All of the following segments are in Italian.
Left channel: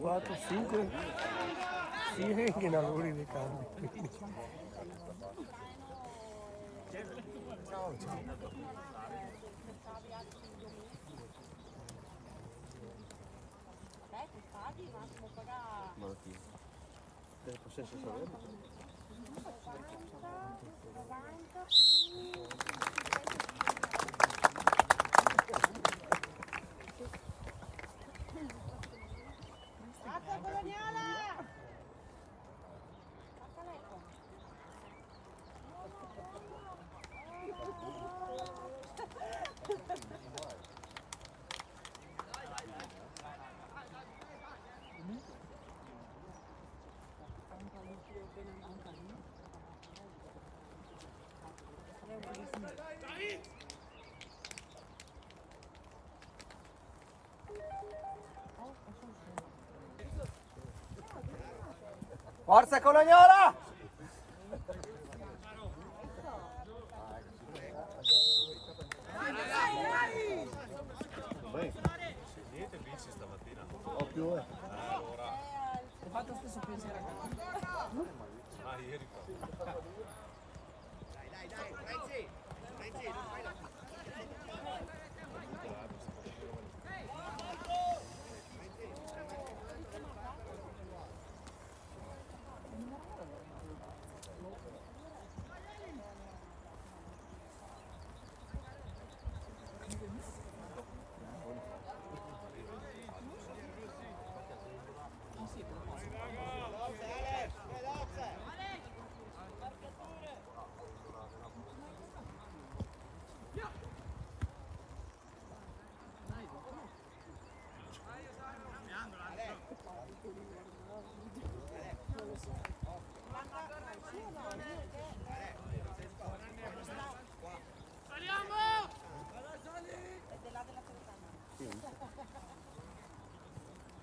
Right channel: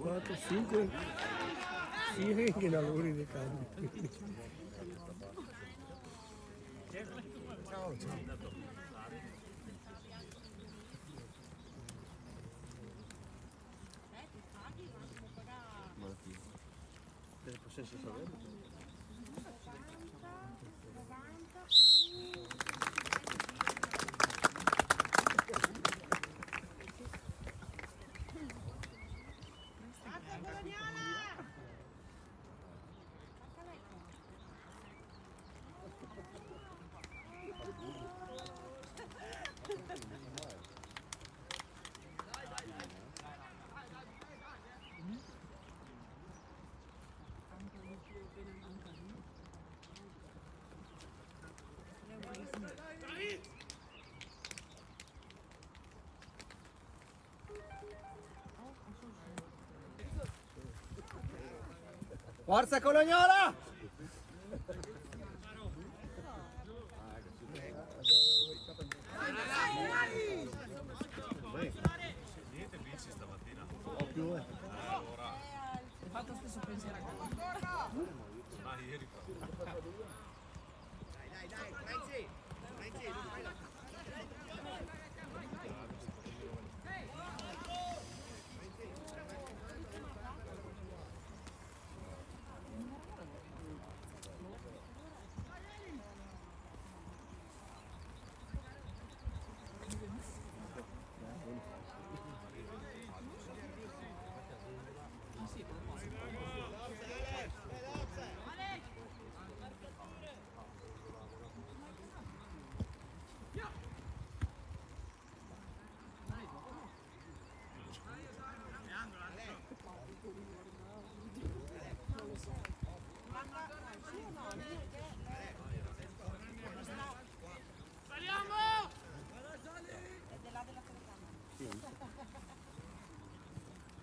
4, 5 siringhe in lavori dei campi. Ciao, ciao. Del possesso sarebbe? Forza Colognola! Niente bici stamattina. Occhio. Hai fatto lo stesso pensiero a casa? Ah, ieri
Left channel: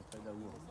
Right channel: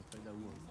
fai da uno.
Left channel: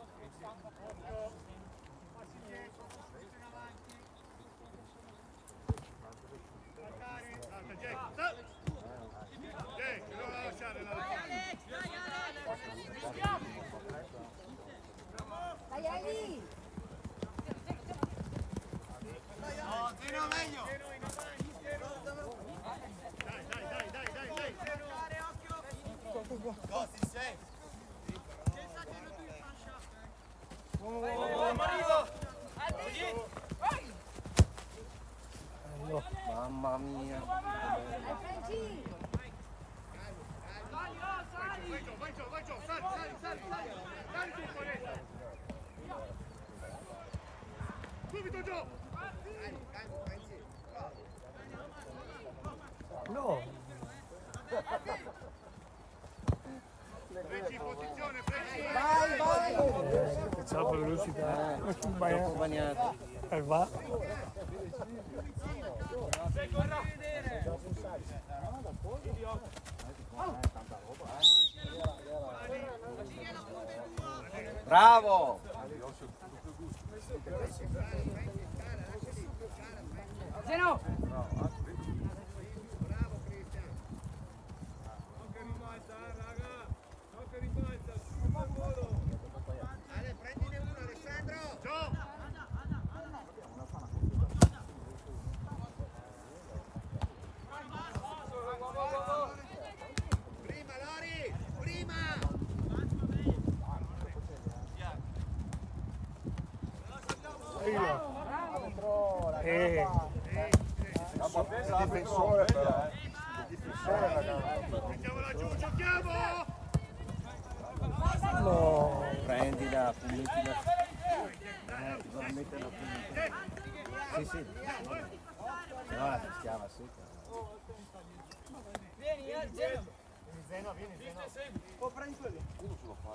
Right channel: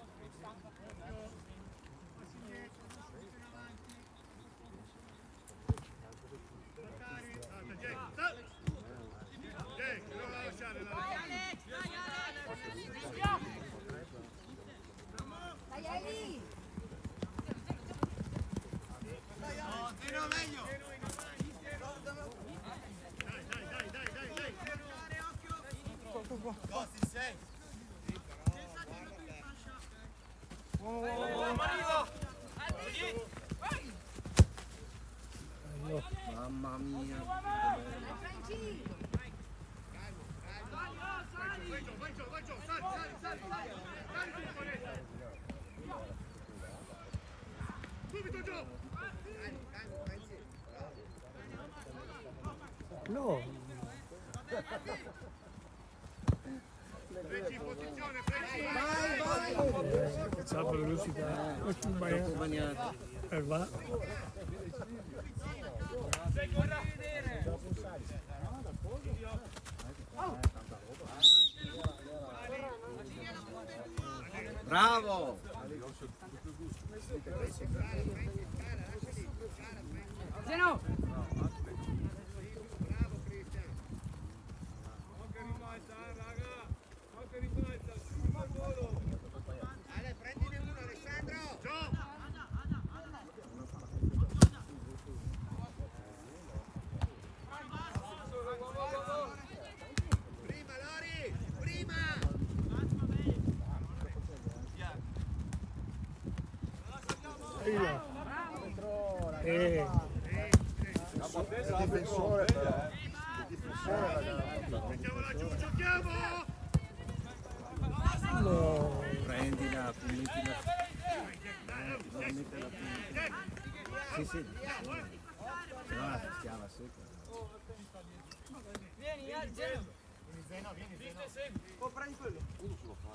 Mamma mia. No. Vai, vai! Facciamo la velocità. Troppo bagnato. Va. Bravo! Zeno! Il difensore però. Il difensore ragazzi. Mettiamola giù, giochiamo! No. Prendila, puntila. Bisogna mettere la punta. Sì, sì. No, la fischiava secca. Vieni, Zeno! Zeno, vieni, Zeno. Oh, prendi quello. Uno ce lo fa.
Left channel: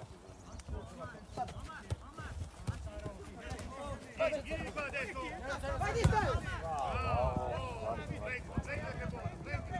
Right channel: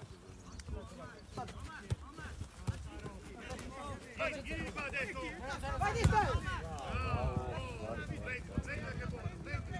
Vai, vieni qua adesso! Vai di te! Venga che buono, venga!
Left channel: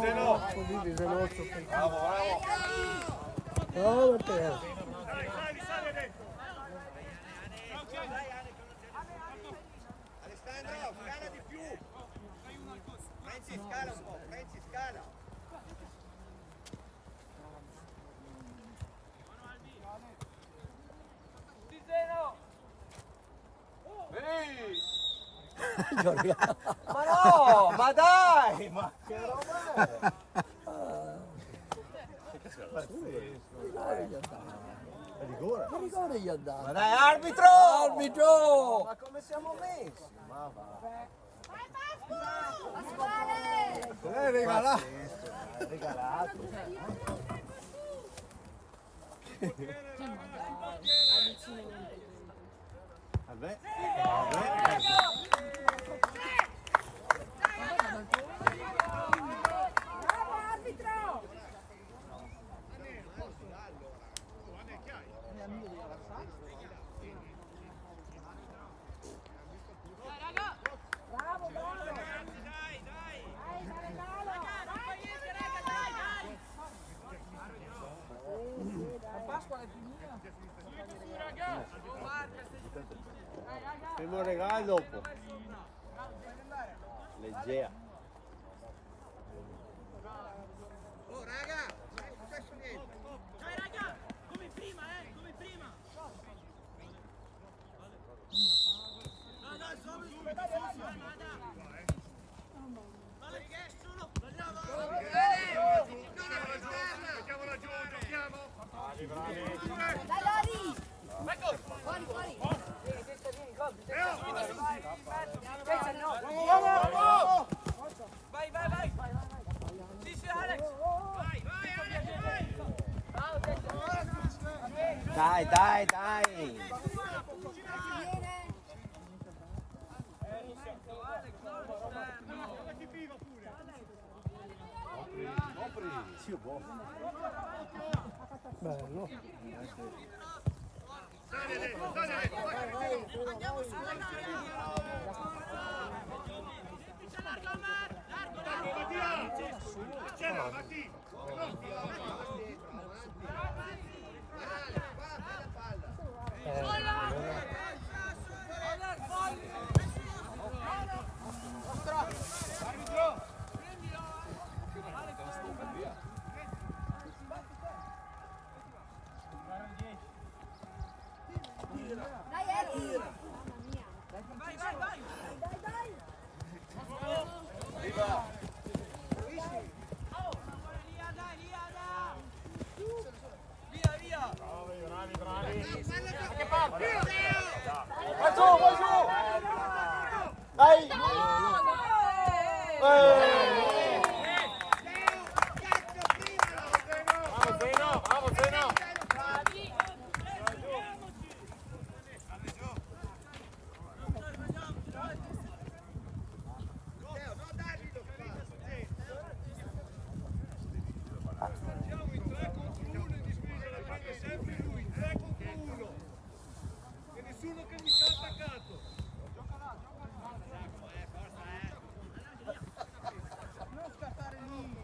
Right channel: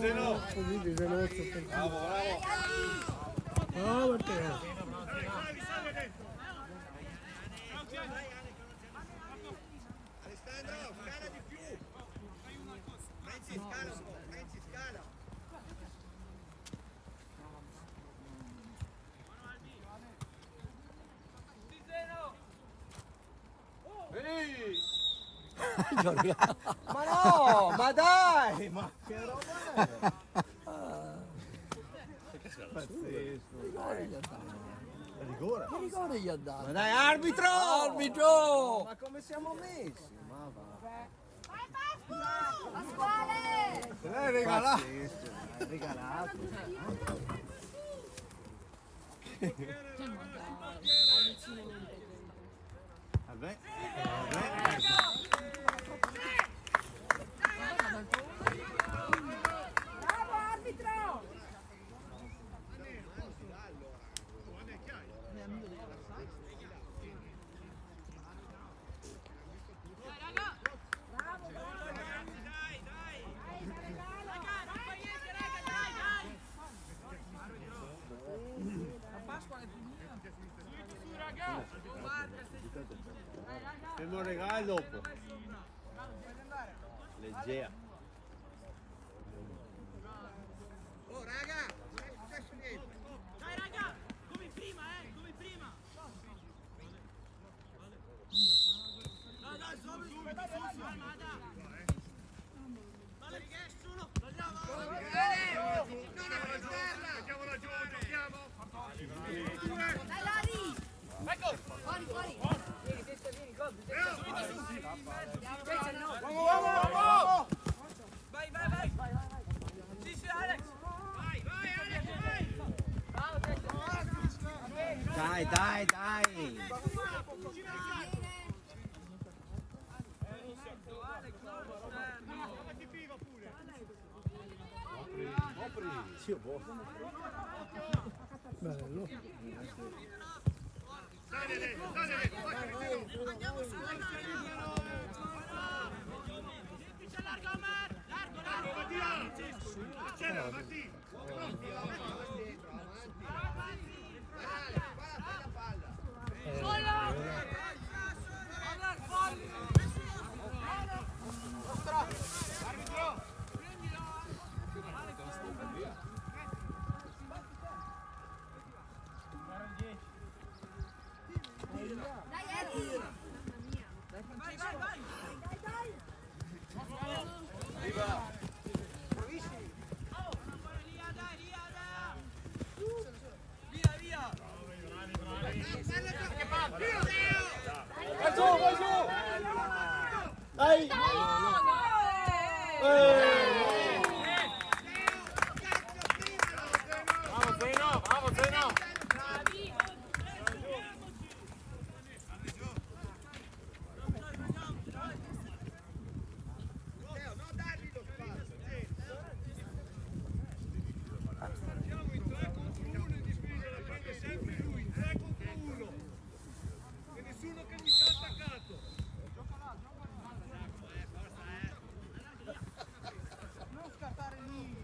Zeno. Vedi, Zenozzo. Bravo, bravo. Bravo Matteo. Sali dentro. Alessandro, scala di più. Renzi, scala un po', Renzi, scala. Veni. Ma no, ma dai, ma che roba è? Rigore. Che rigore gli ha dato? Ma dai, arbitro! Arbitro! Ma come siamo messi? Ma va. L'hai regalato. Regalato. Vabbè. Bravo arbitro! Bravo, bravo! Pasqua è finita. Facciamo un regalo dopo. Leggera. Oh raga, non è successo niente. Dai raga, come prima, come prima. Dai, dai, subito, dai, nessuno. Mettiamola giù, giochiamo. Dai Lari! Fuori, fuori! Vai, vai, vai. Sì, sì, Alex. Vai, vai, Dai, dai, dai. Sì, boh. Bello. andiamo su semplice largo Omar, largo. Mattia! C'era, Mattia! Dai Eri! Mamma mia! Vai, vai, vai. Dai, dai! Via, via. Vai giù, vai giù. Dai. Bravo Zeno, bravo Zeno. Nessuno che mi sta attaccato. Non scappare lì.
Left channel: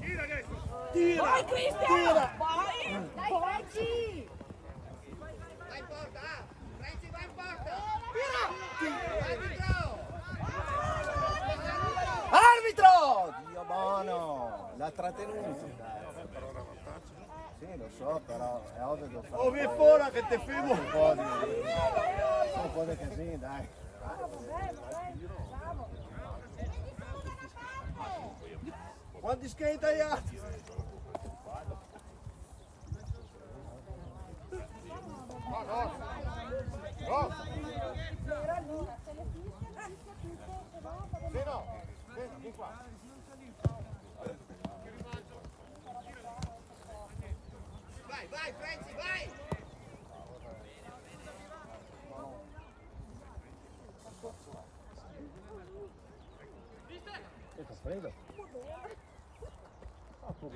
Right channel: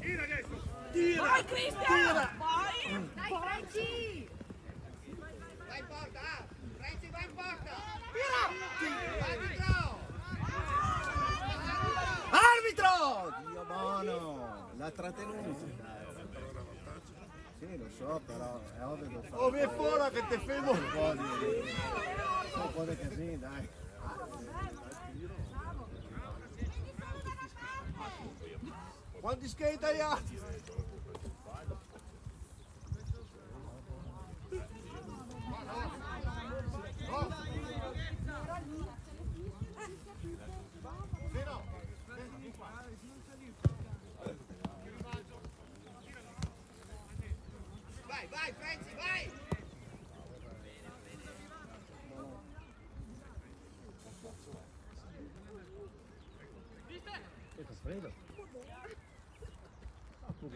Tira adesso. Vai Cristian! Vai! Dai Franci! Vai in porta, Renzi vai in porta. Arbitro! Dio buono! L'ha trattenuto. Sì, lo so, però è ovvio che lo fa. Oh, vieni fuori che ti filmo. Un po' di casino, dai. Quanti skate hai altri? Vieni qua.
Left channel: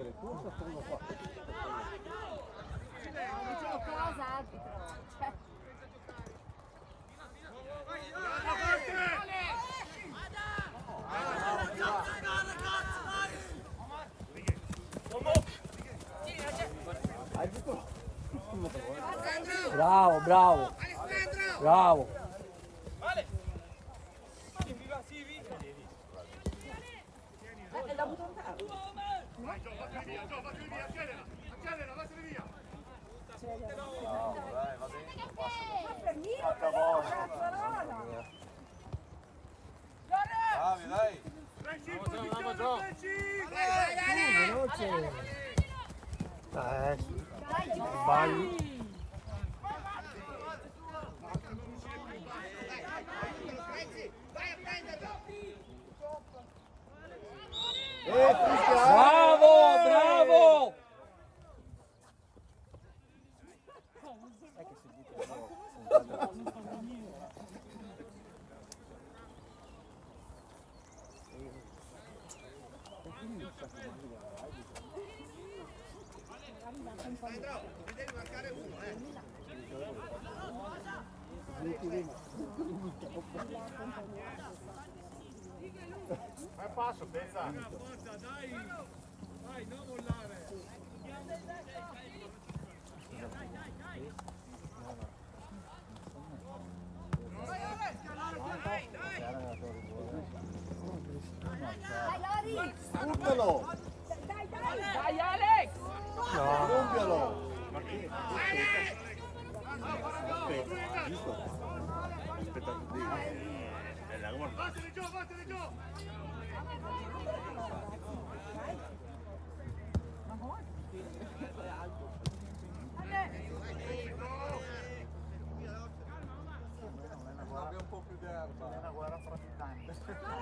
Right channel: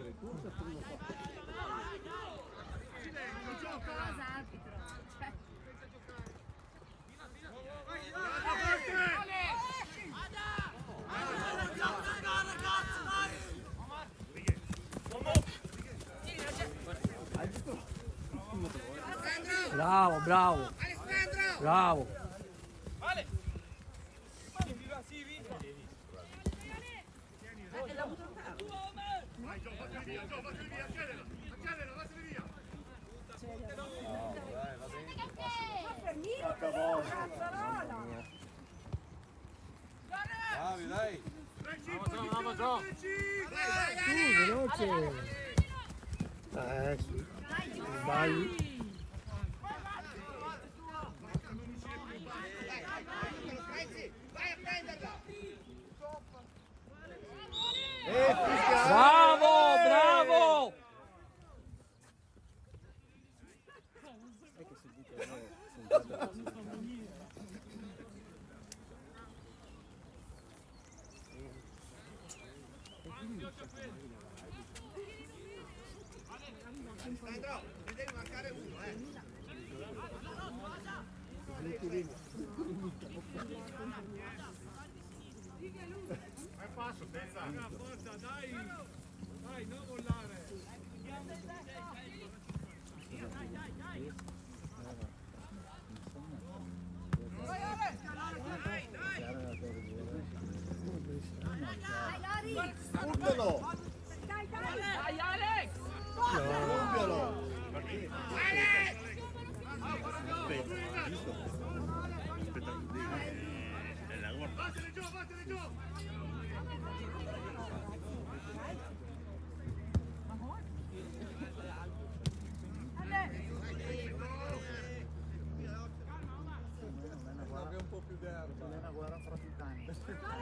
il corso sto uno qua. Cosa arbitro? Cioè, Bravo, bravo. Bravo. Vale! Viva, sì, vinca! Vai Gio, vattene via, accelera, accelera, vattene via. Bravi, dai. Frecci in posizione, Frecci! Veloce. Sì. Sbagli. Fischia! Bravo, bravo. È che si dice Fai passo, pensa. Forza, dai! Dai, non mollare! dai Lori! Buttalo! Dai, dai! Dai, Alex! Compialo! Vattene giù, vattene giù! Abbia un po' più d'erba. È una guerra fra titani. Se si accentra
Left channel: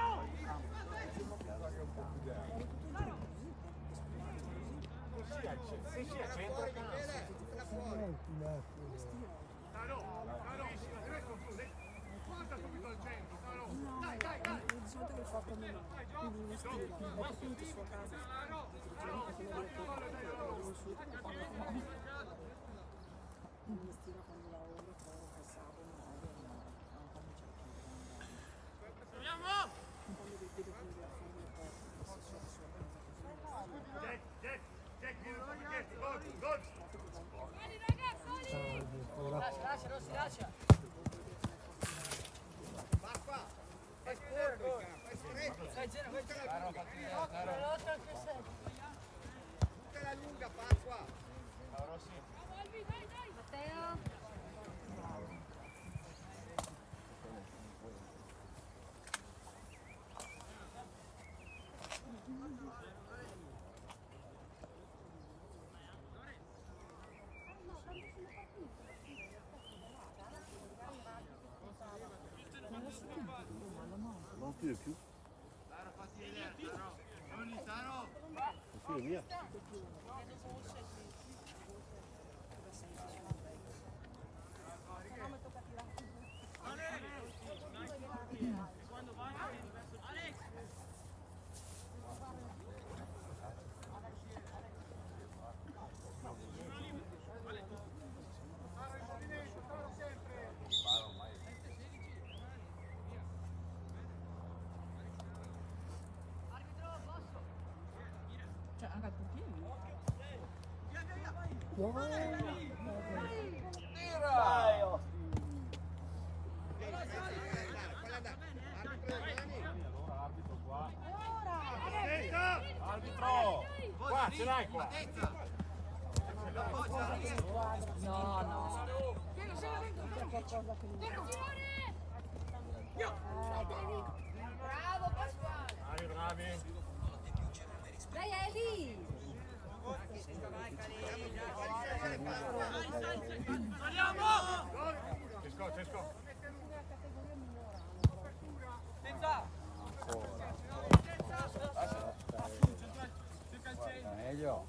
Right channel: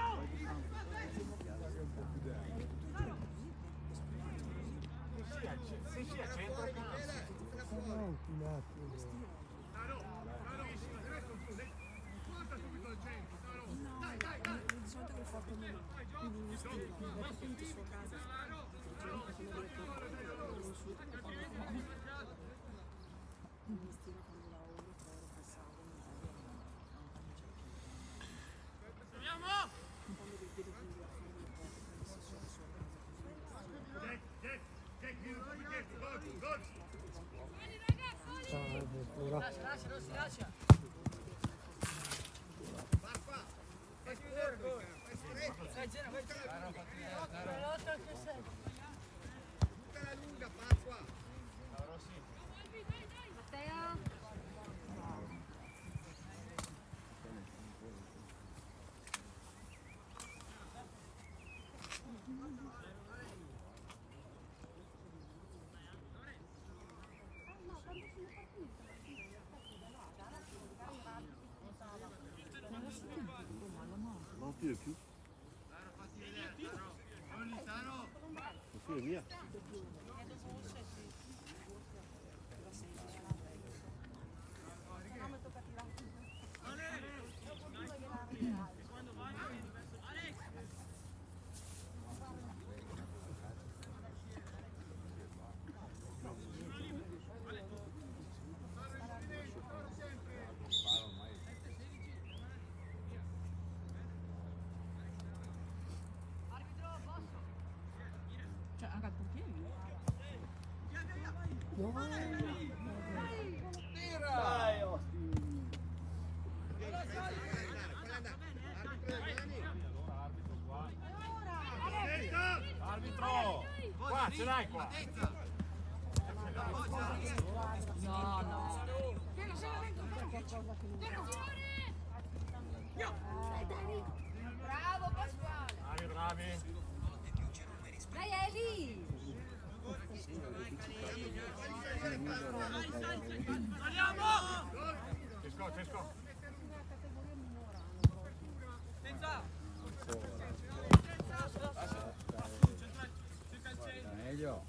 Caro, adesso chiude. Guarda subito al centro, caro. Dai, dai, dai! Di solito che fa come me, quindi mi stile, va tutto sua casa, quindi conosciuto che fanno quindi stile quando lavoro, poi passavo, quando li vedo quindi a fare le cose, si sono sua casa così. Jack, vieni da Michetti, gol! Lascia, non si lascia! Vai, Geno, vai, Geno! Matteo! non tiro più. Non tiro via. Cioè, anche al portiere. Arbitro! Qua, ce l'hai qua! No, no. C'è qualcosa che non Bravo Pasquale! Bravi, bravi! Dai Eli! Cesco! Senza! Meglio.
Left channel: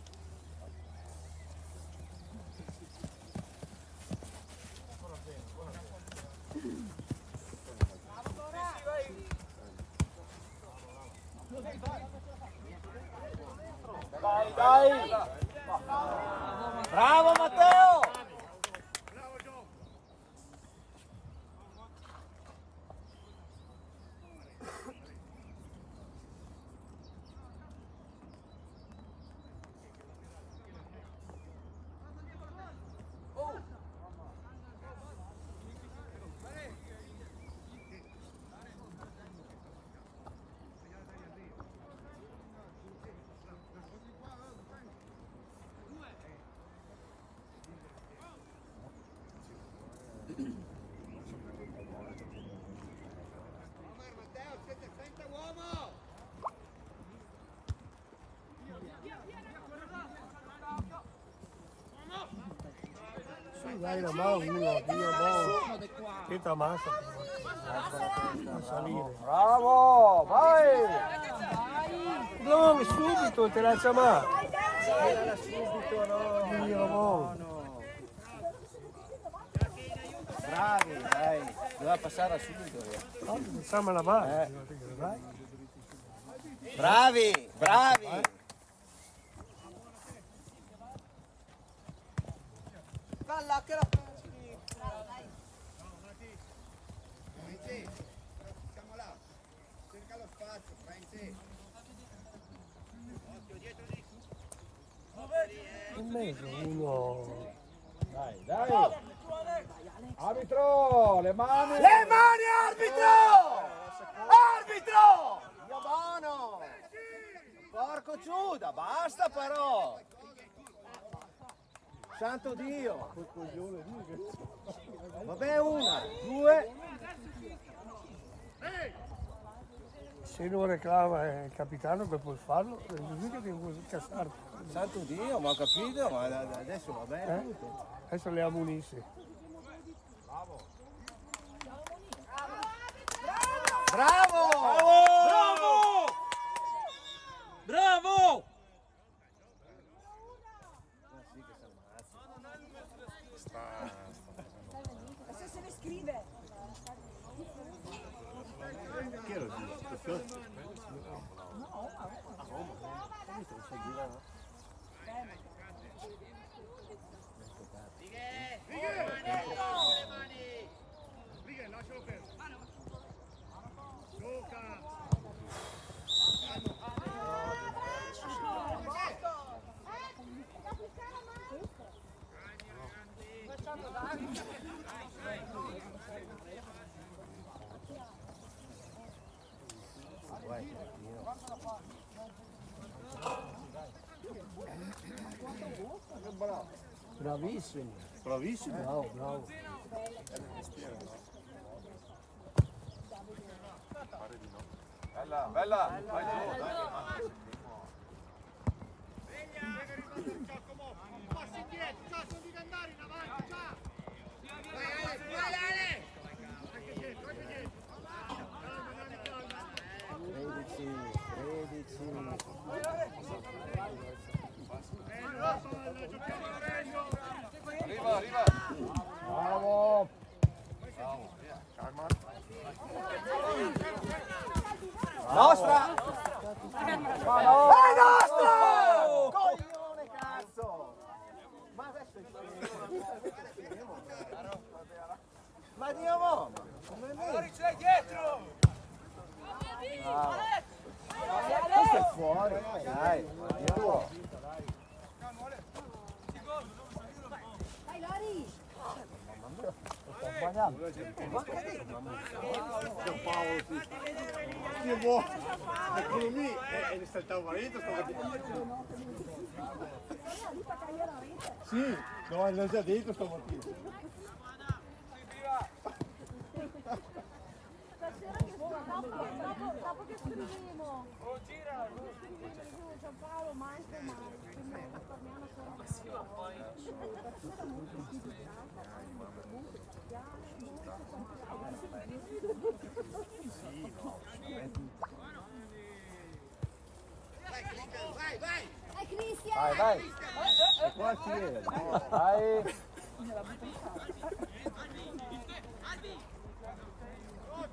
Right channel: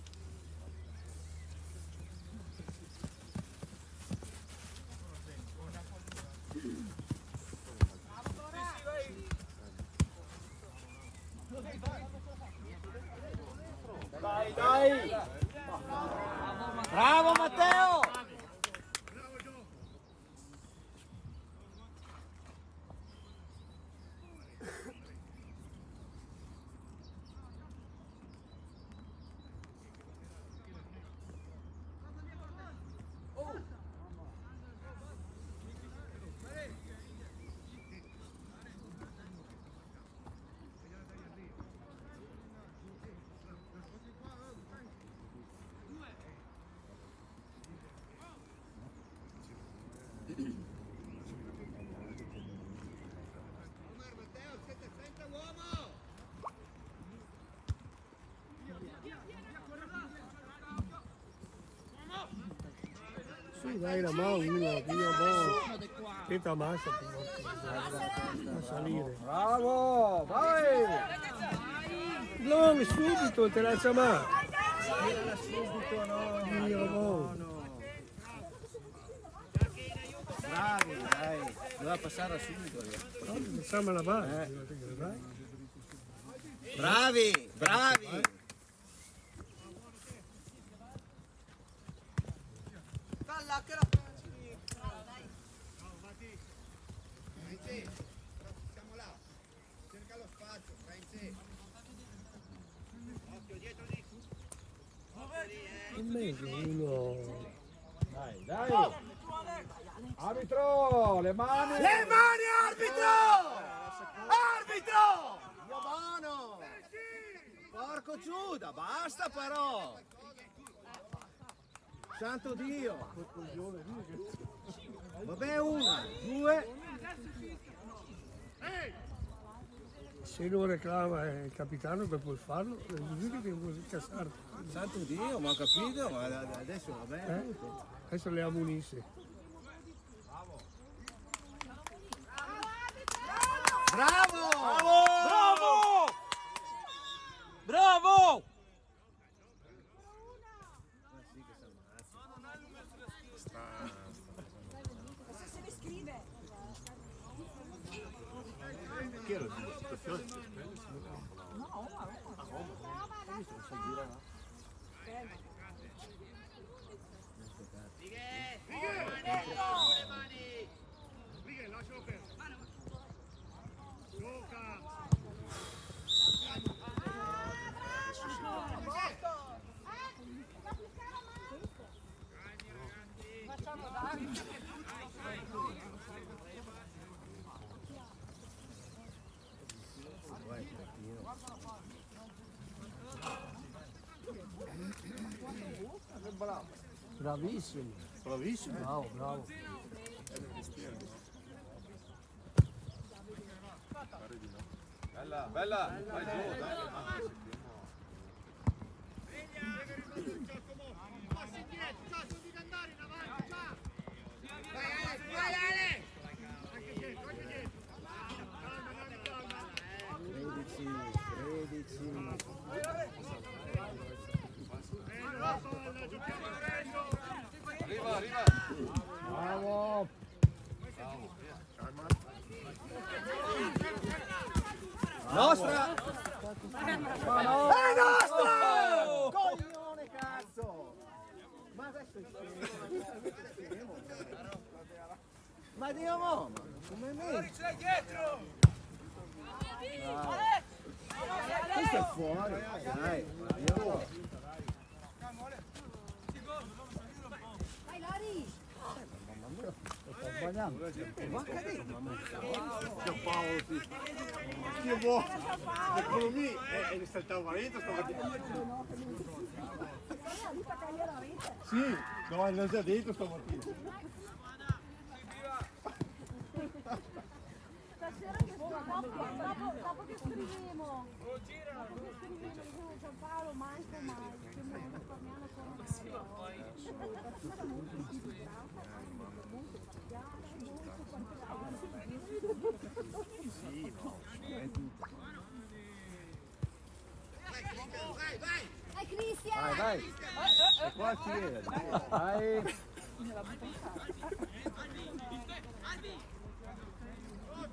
Dai, dai! Bravo Matteo! Su, dai la mano, uno, Dio buono. Che tamassa a salire. Bravo! Vai! No, subito, te la chiamare. Tirala subito, no! Dio buono. No. Bravi, dai! Doveva passare subito. Facciamo la mano. Bravi, bravi! Dalla che la Siamo là. Cerca lo spazio, Franci. Occhio dietro di. In mezzo uno. Dai, dai! Arbitro! Le mani! Le mani, arbitro! Arbitro! Dio buono! Porco Giuda, basta però! Santo Dio! Vabbè, una, due. Se non reclama il capitano per poi farlo, mica che vuoi incassare. Santo Dio, ma ho capito, ma adesso va bene tutto. Adesso le ammonisce. Bravo! Bravo! Bravo! Adesso se ne scrive. Righe, lascialo perdere. Gioca. Bravissimo. Bravissimo. Bravo, bravo. Bella, bella. Vai giù, Giacomo, passi indietro, già sono di andare in avanti, già. Vai Ale! Anche dietro, anche dietro. Calma, Dani, calma. 13. La palla, giochiamo adesso. Arriva, arriva. Bravo! Bravo, via. Calma. Nostra! Ma no! È nostro! Coglione cazzo! Ma adesso è scemo. Ma Dio mo! Come me? C'è dietro! Questo è fuori! Dai, andiamo! Vai Lori! Sbagliando! Ma che Paolo, sì! Che buono! L'economia è saltava dentro stamattina. Sì, devo andare già dentro stamattina! Dopo che scriviamo. Paolo, manco mai. Risparmiamo solo Vai Cristian! Vai, vai! E qua chi è? Vai!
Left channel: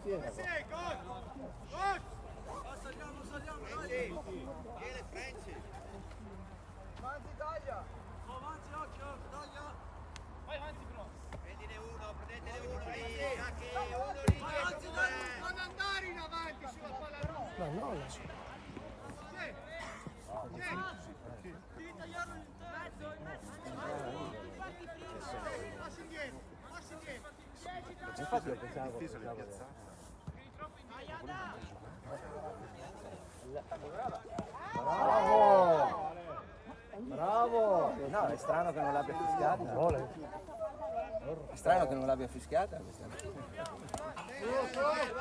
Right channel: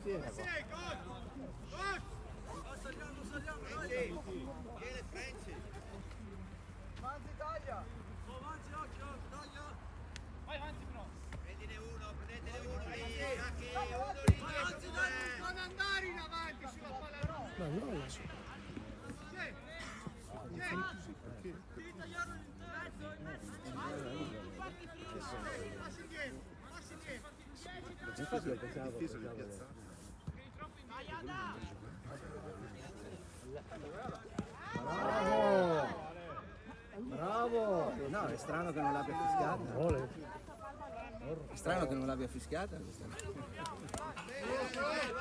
Chi era? adesso. Infatti è difficile piazzare. Bravo! Bravo! No, è strano che non l'abbia fischiata. Vuole. È strano che non l'abbia fischiata questa. Va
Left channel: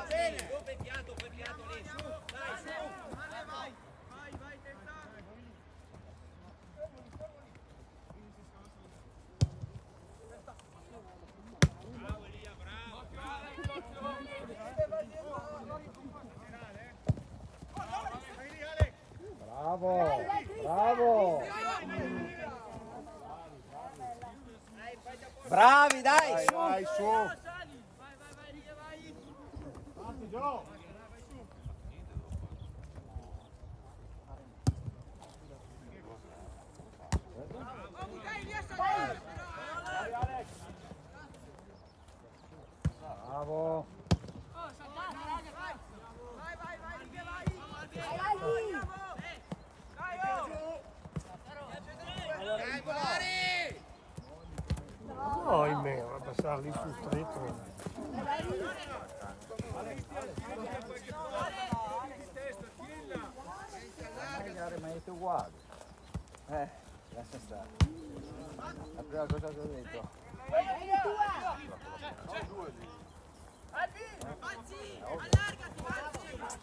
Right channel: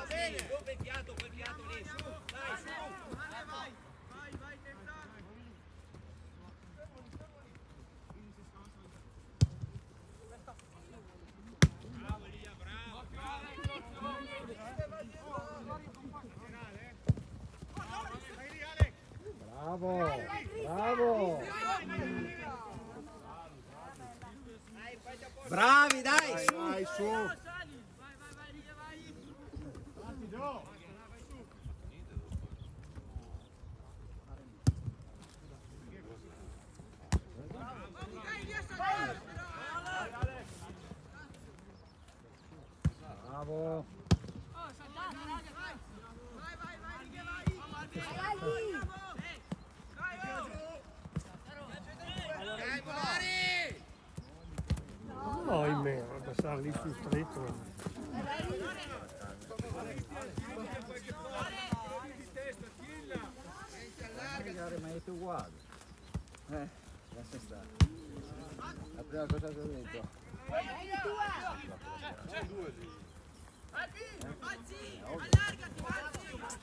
bene. Quel fiato lì, su. Dai, su. Vai, testa. Bravo Elia, bravo. Bravo! Bravo! Bravi, dai, su! Vai, su. Vai, Elia, vai. Parti, Gio. Bravo! Dai, Bolari. No, ahimè, a passare lì sul stretto. Ma è uguale. Lascia stare. La prima cosa che ho detto.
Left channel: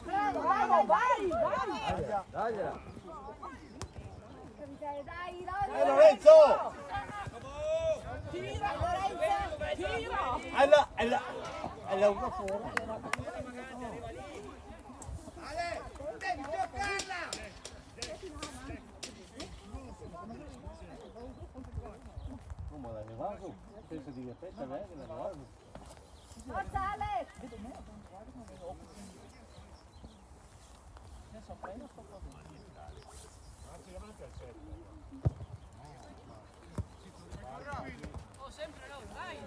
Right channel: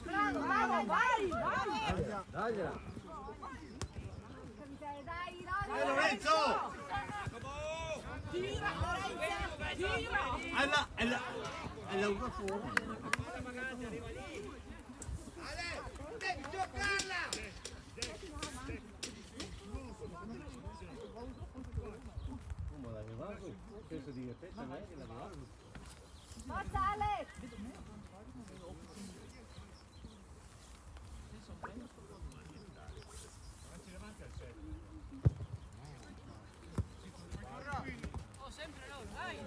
Bravo, vai! Dagliela! Dai, Lorenzo! Tira, È la una fuori. Ale, devi giocarla. Come l'avevamo? Penso di repetta lei che l'avevamo. Forza Alex! Sempre loro, dai.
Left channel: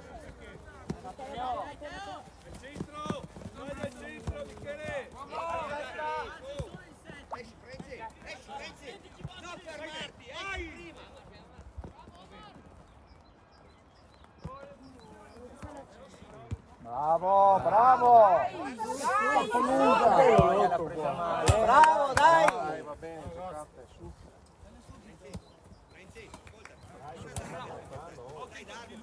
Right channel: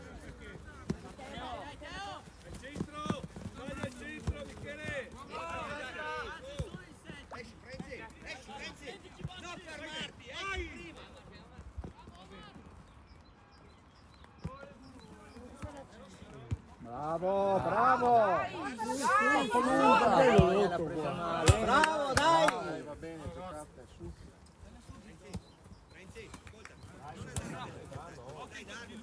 Esci. Non fermarti, prima. Bravo, bravo! Bravo, dai! Va bene, giocate, su. Renzi, ascolta. Non è da ok, Davide.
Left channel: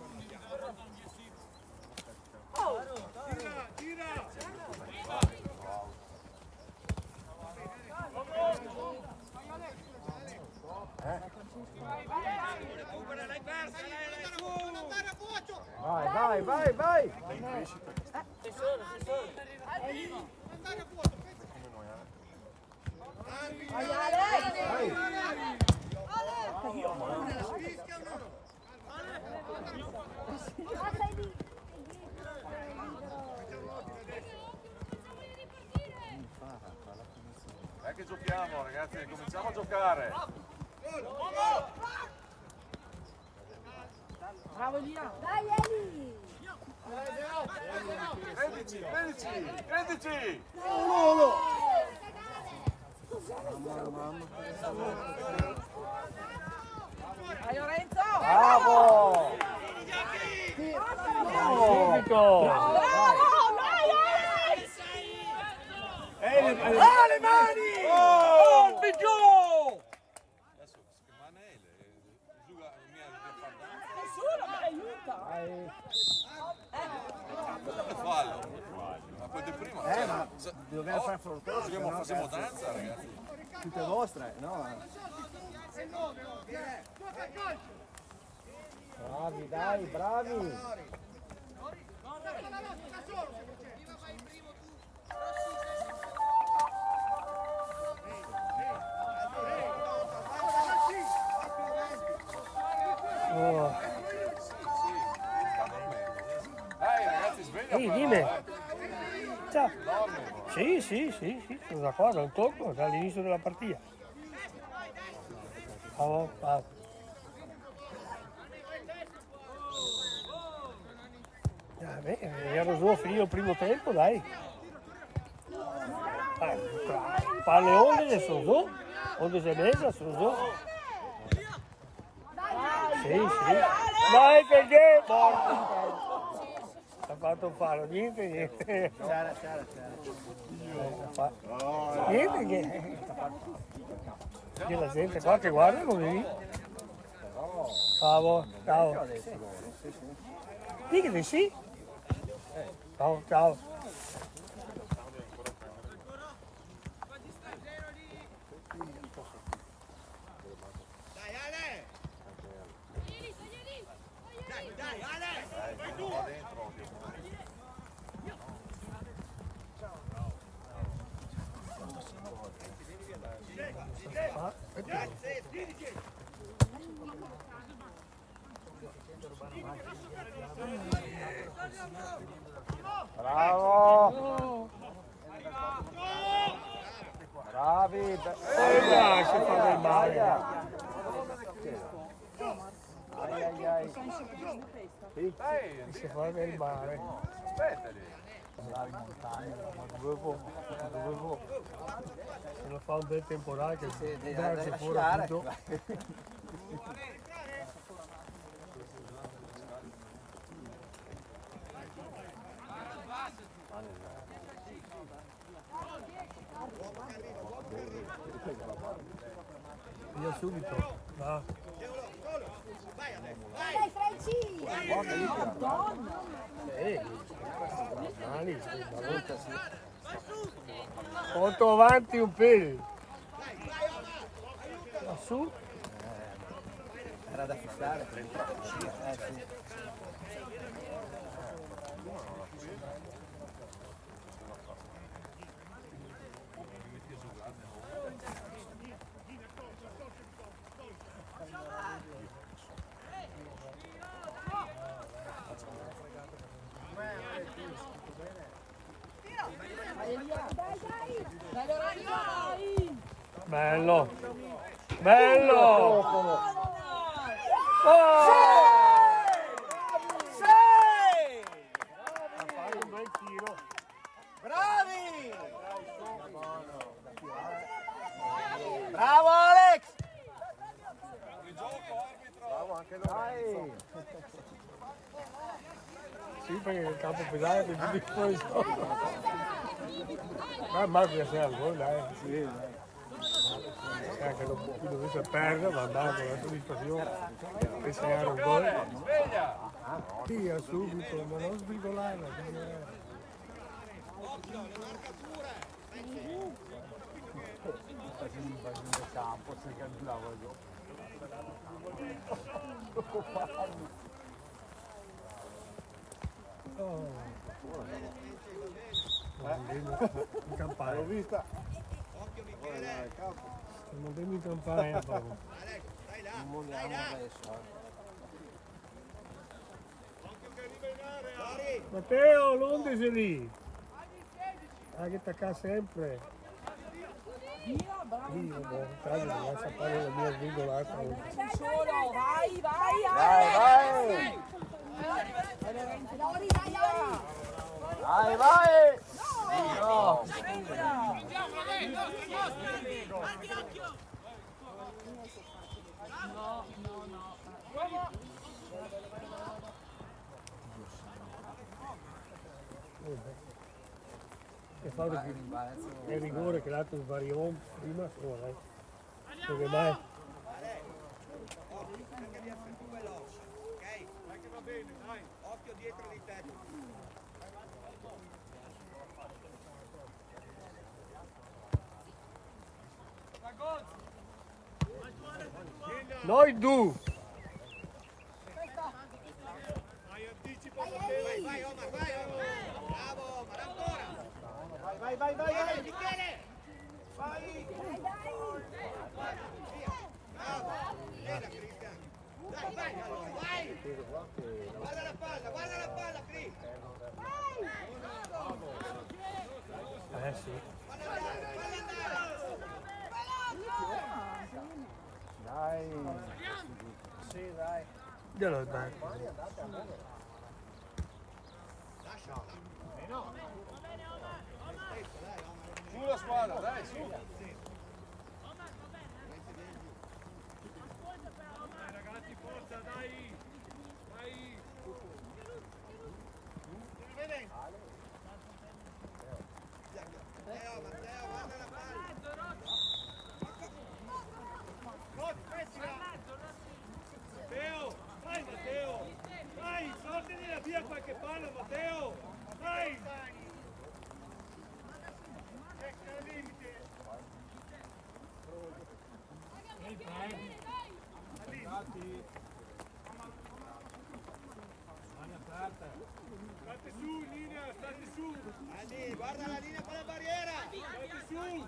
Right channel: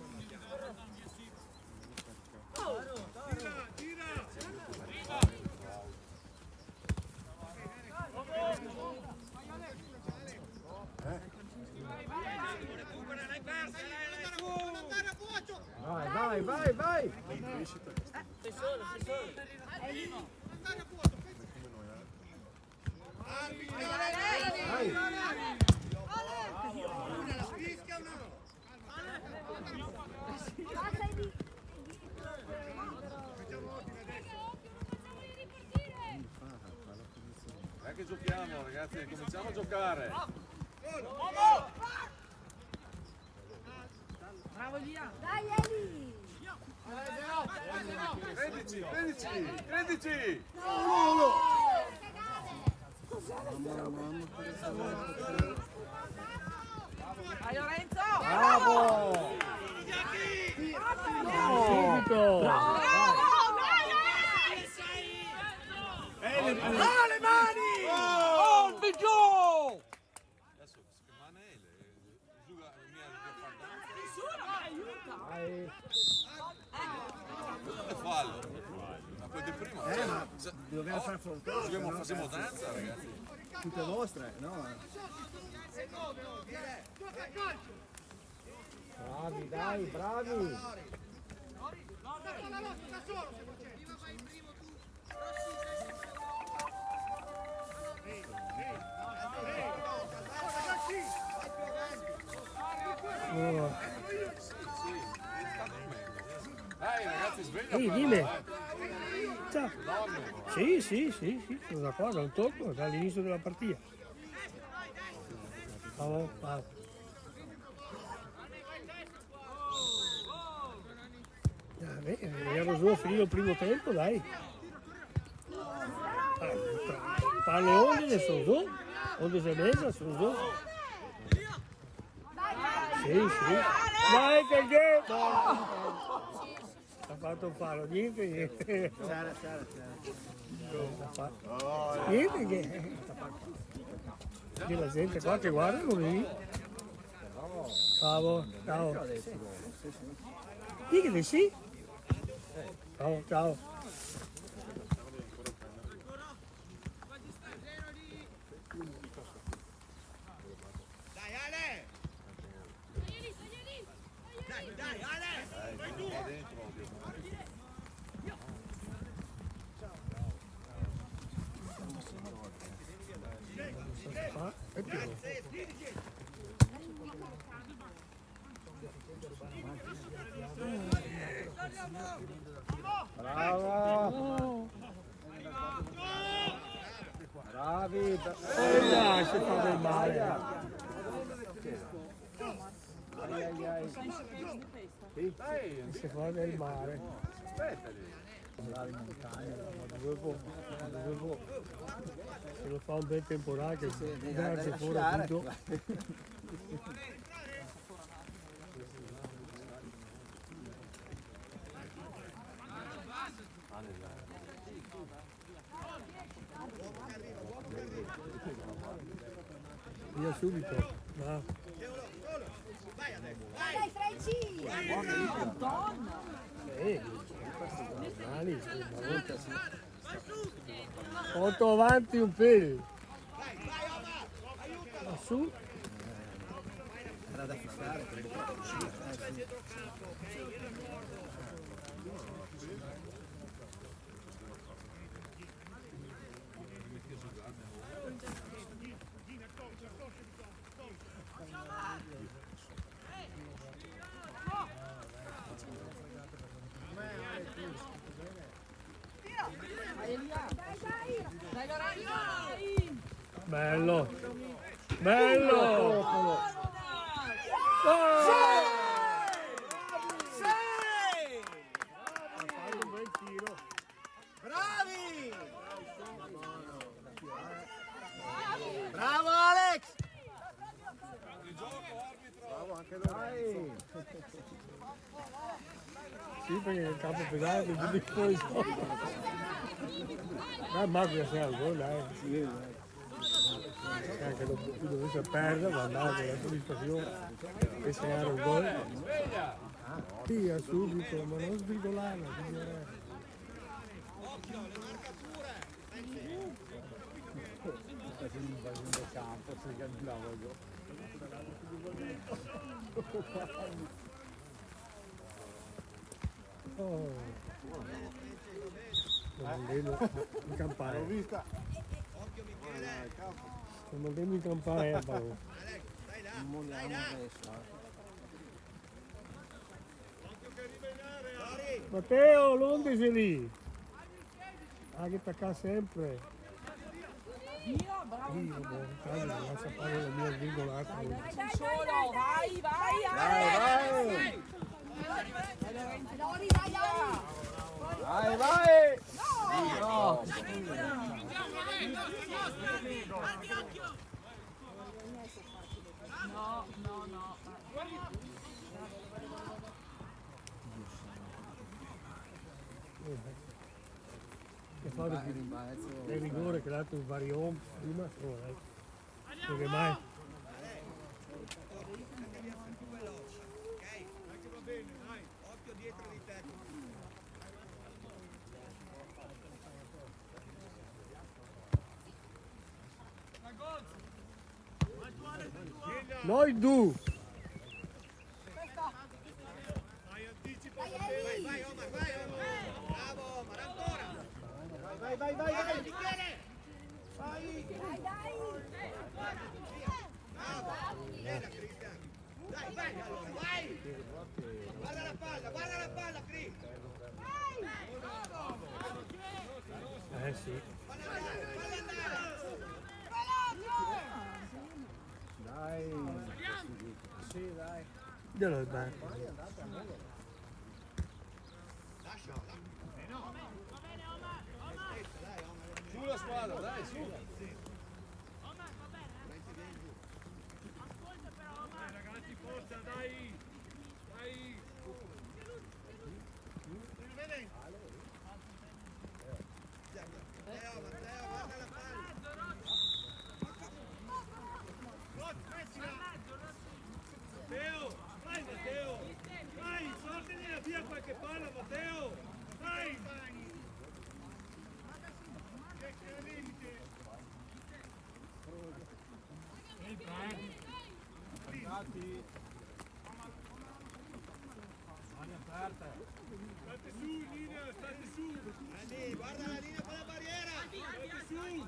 Vai! Sei solo. Dai che giochiamo ragazzi, cominciamo a giocare. Bravo Elia. Dai Eli! Credici! Vai Lorenzo. Bravo! Subito! Le mani! Oh, Biggio! Adesso che Manele giuga mi ha fatto. Nessuno mi aiuta. Cosa che fallo? Ma quel di prima. Ma dobbiamo fare fortuna. Giochiamo, facciamo danza ragazzi. Tutte vostre, no? Bravi, dai, bravi! Oh. Dai ragazzi, sveglia Ehi, però, dimmi. Ciao. Dormi. Sì, sono da qua, non tocco, dall'inizio della partita. Ciao. Vediamo se finire il primo tempo, dai. Fa le onde sono su, onde si messa sono su. Sì, sì. Dai che ha fatto un palo, niente. C'era. Niente che. C'è la gente qua che guarda così. Ciao. Dica di sì. Ciao. Dai Ale! Dai Ale! Vai tu! Bravo! Bravi! Dai, si fa del male. Ai. Si fa del male. Aspettali! Se lo fa un bel temporale che Deve verse fuori lasciare. tutto. Via subito. Va. Vai adesso! Dai, Franci! Mali, Porto avanti un pelo. Ma su. Era da fissare. Dai Lorenzo! Bello. Oh! Ha fatto un bel tiro. Bravi! Bravo Alex! Bravo anche Dai! Sì, perché il campo pedale è più difficile. Ma Marco che sei al gol, dai. Anche dopo chi dovesse perdere, ma andava con la soddisfazione che se era un gol. Sì, subito, ma non sbrigolare. Occhio, le marcature! In campagna. L'ho vista. Occhio Michele! Stiamo andando in campagna, Paolo. Alex, stai là! Non Stai vogliamo là! adesso. Occhio che arriva in area! Fuori! Matteo, l'onde sei lì. Ah, che attacca sempre. Via, bravo! Io, boh, tanto mi lascia fare la mia sbrigolata. Solo, vai! Vai! Lori, dai, Lori! Vai! No! No. Che fa il rigore che l'ha dato il Varion prima sola. Perché mai? Anche via più veloce, ok? Dai che va bene, dai! Occhio dietro di te! Noi due. Dai, anticipo! Vai Omar, vai Omar! Bravo Omar, ancora! Vai! Michele! Dai! Bravo! Bella Cristian! Vai allora, vai! Guarda la palla, Cris! Sì. Falla andare! Dai! Sì, dai! Glielo dai. Lasciala! Su la squadra, dai, su. Ragazzi, forza, dai. Dai. Matteo, guarda la palla. Matteo, vai Matteo. Dai, sortene via qualche palla, Matteo. Dai. State su, linea, state su. Andy, guarda la linea con la barriera. State su.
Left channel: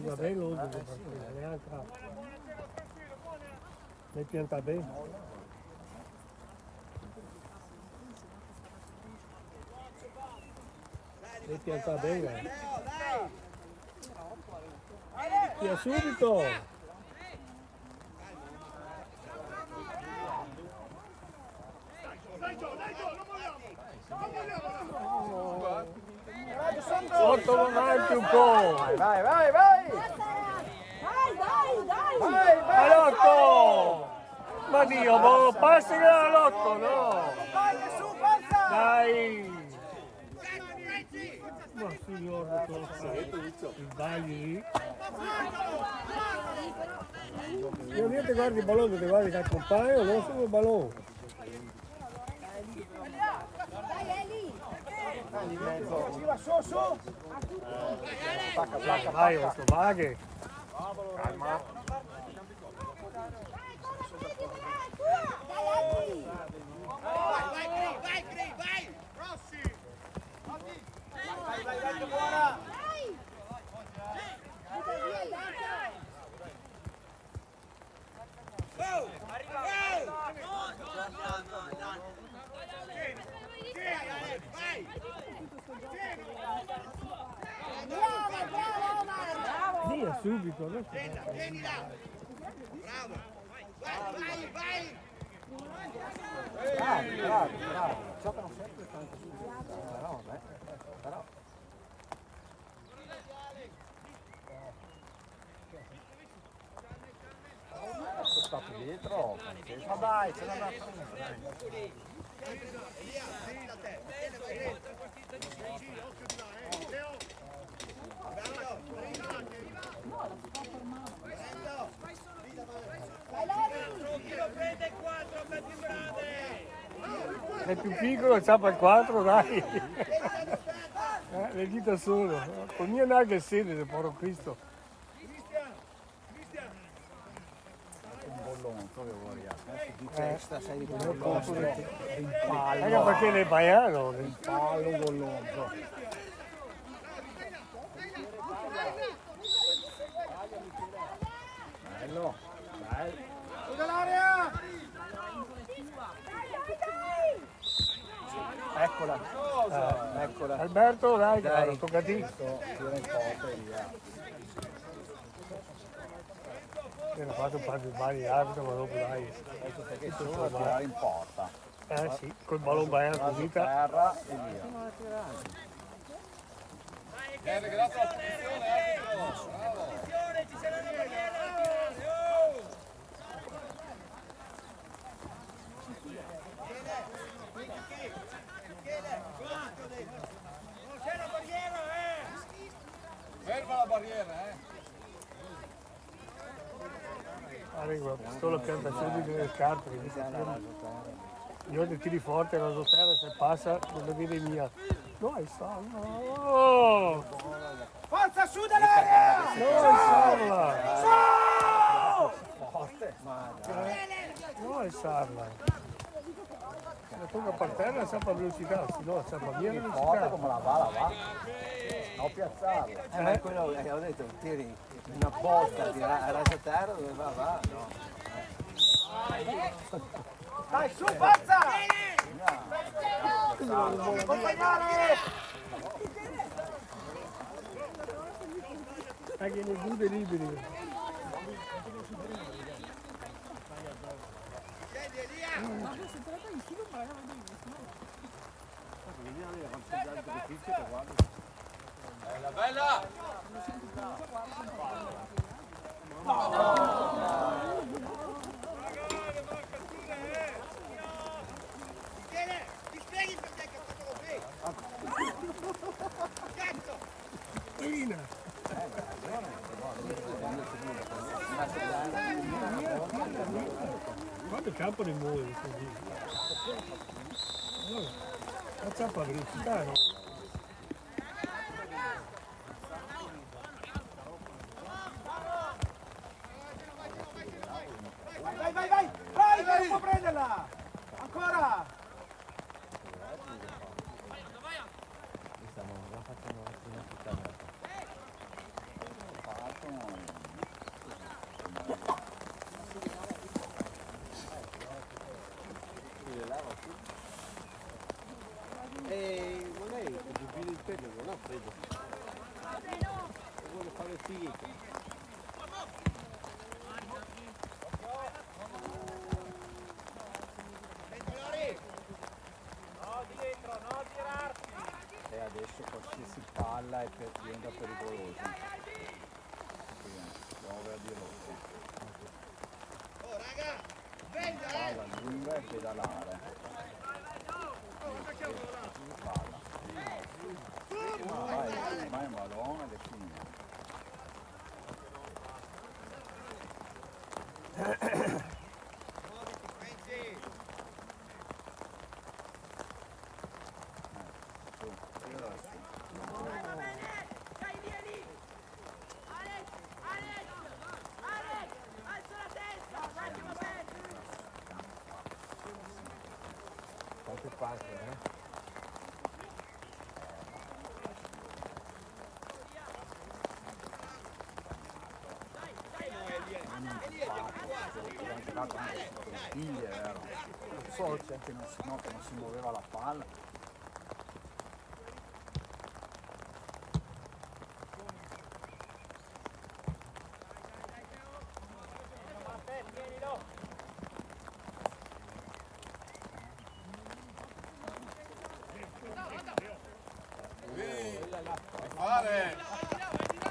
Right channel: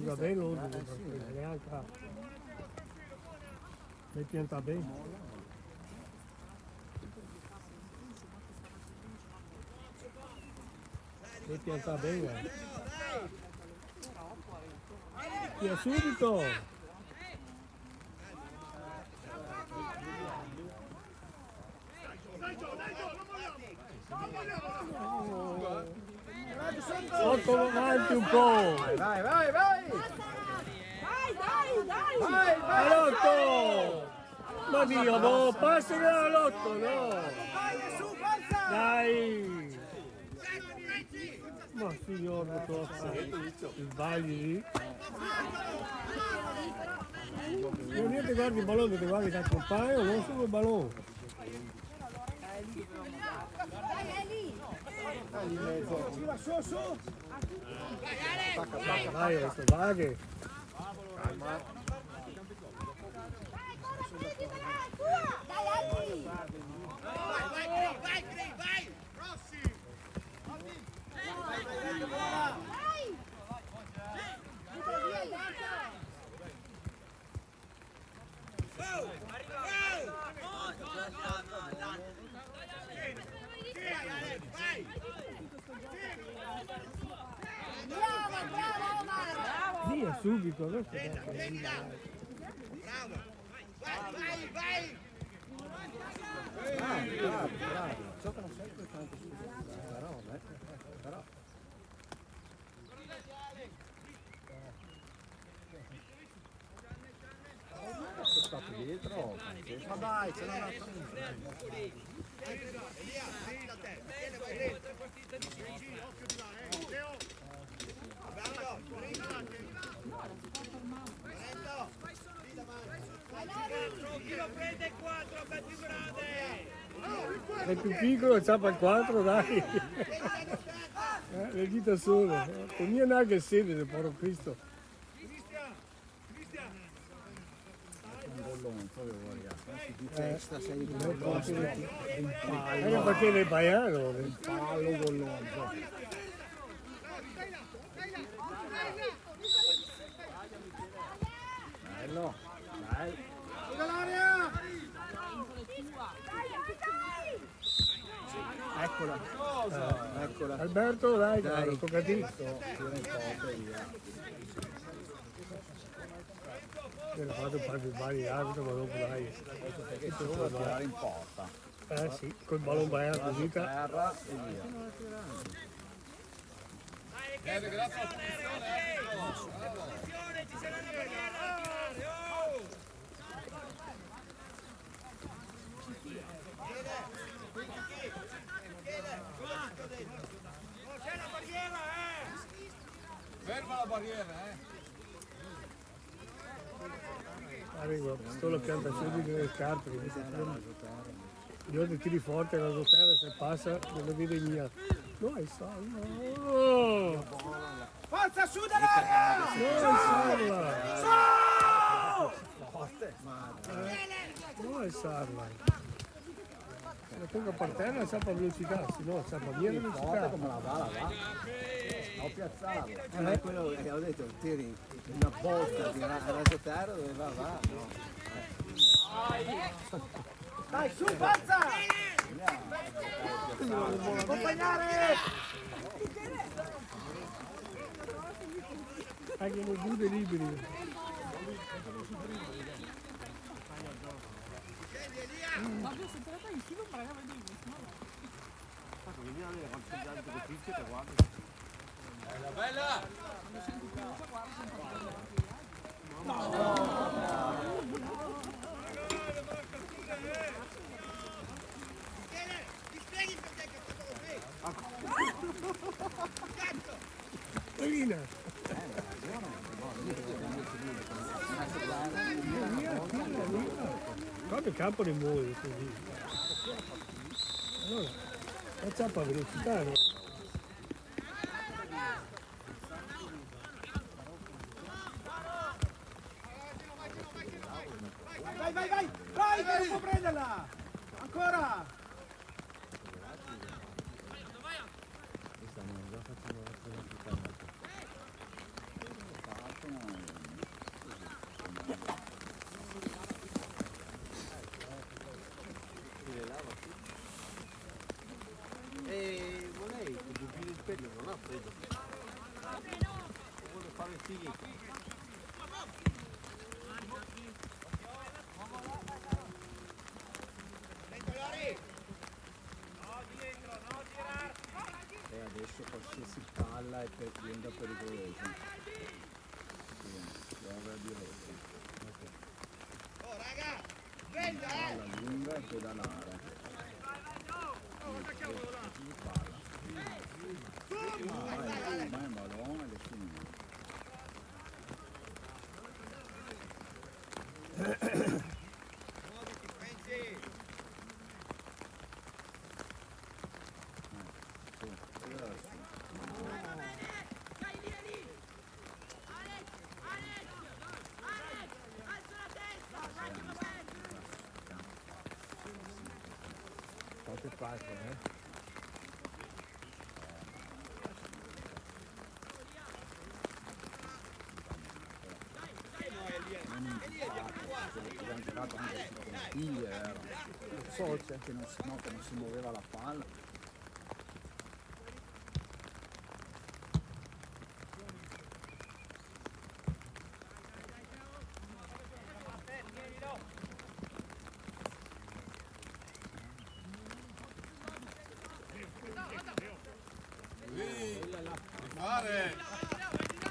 Va bene l'ordine di partita, neanche le pianta bene. Le pianta bene. Matteo, dai. Via subito! Porto avanti un po'! Vai, vai, vai! Dai, dai, dai! Vai, vai! Lotto! Ma Dio, no, passi la Lotto, no! Vai, su, forza. Dai! Ma signore, tocca il sbagli. Io niente guardi il ballone, ti guardi che accompagno, non solo il ballone. Dai, è lì! Su, su. Vai, adesso vaghe. Calma. Dai, Andy! Vai, Cri, vai. Rossi. Dai! Butta via il gatto! Go. Vai. Bravo, bravo, Omar! Via subito, adesso. Prendi là. Bravo. Vai, vai. Bravi, bravi, bravi. Giocano sempre tanto su però. Questo sta dietro. Ma dai, ce l'ha da Elia, prendi da te. Tieni, vai dentro. Occhio di là, Leo. Bravo. Prendo. Dai, Levi! Chi lo prende il 4 per più grande? È più piccolo, ciapa il 4, dai. Le dita solo. Con mio naga e sede, povero Cristo. un bollone, dove vuoi? Di testa sei di Anche impallo. perché nel baiano. Impallo bollone. Bello, bello. L'area! Eccola. Eccola. Alberto, dai, Dai, tocca a te. tira in porta e via. Ho fatto un paio di sbagli arbitro, ma dopo dai. Questo perché solo a tirare in porta. Sì, col ballone baiano così. Terra e via. Grazie alla posizione, bravo. C'è la barriera, Ferma la barriera, Arrivo, la pistola pianta subito nelle scarpe. Che dice, io ti tiri forte, la terra se passa non la vede mia. No, è salva. Forza su dall'area! No, è salva. Forte, ma No, è salva. La tocca per terra c'ha per velocità, se no c'ha per via forte velocità. come la va. Ho piazzato. Ma è quello che ho detto, tiri una botta, a raso terra dove va, no. Dai, su, forza! Accompagnare! Anche nei due liberi. Vabbè, se te la fai in filo, ma la benissimo. Bella, bella! Ti spieghi perché che ha fatto così? Cazzo! Lina! Guarda il campo di muoio così. Allora, facciamo a velocità, no? Vai, vai, vai! Vai, che non può prenderla! Ancora! E lei che dubbi il pelo non ha preso. Vuole fare figli. E adesso qualsiasi palla diventa pericolosa. Dobbiamo avere di rosso. Oh raga! Venga! Palla lunga e pedalare. Vai, madonna, le fine. Quante pagine, Non so che non si muoveva la palla. Fare!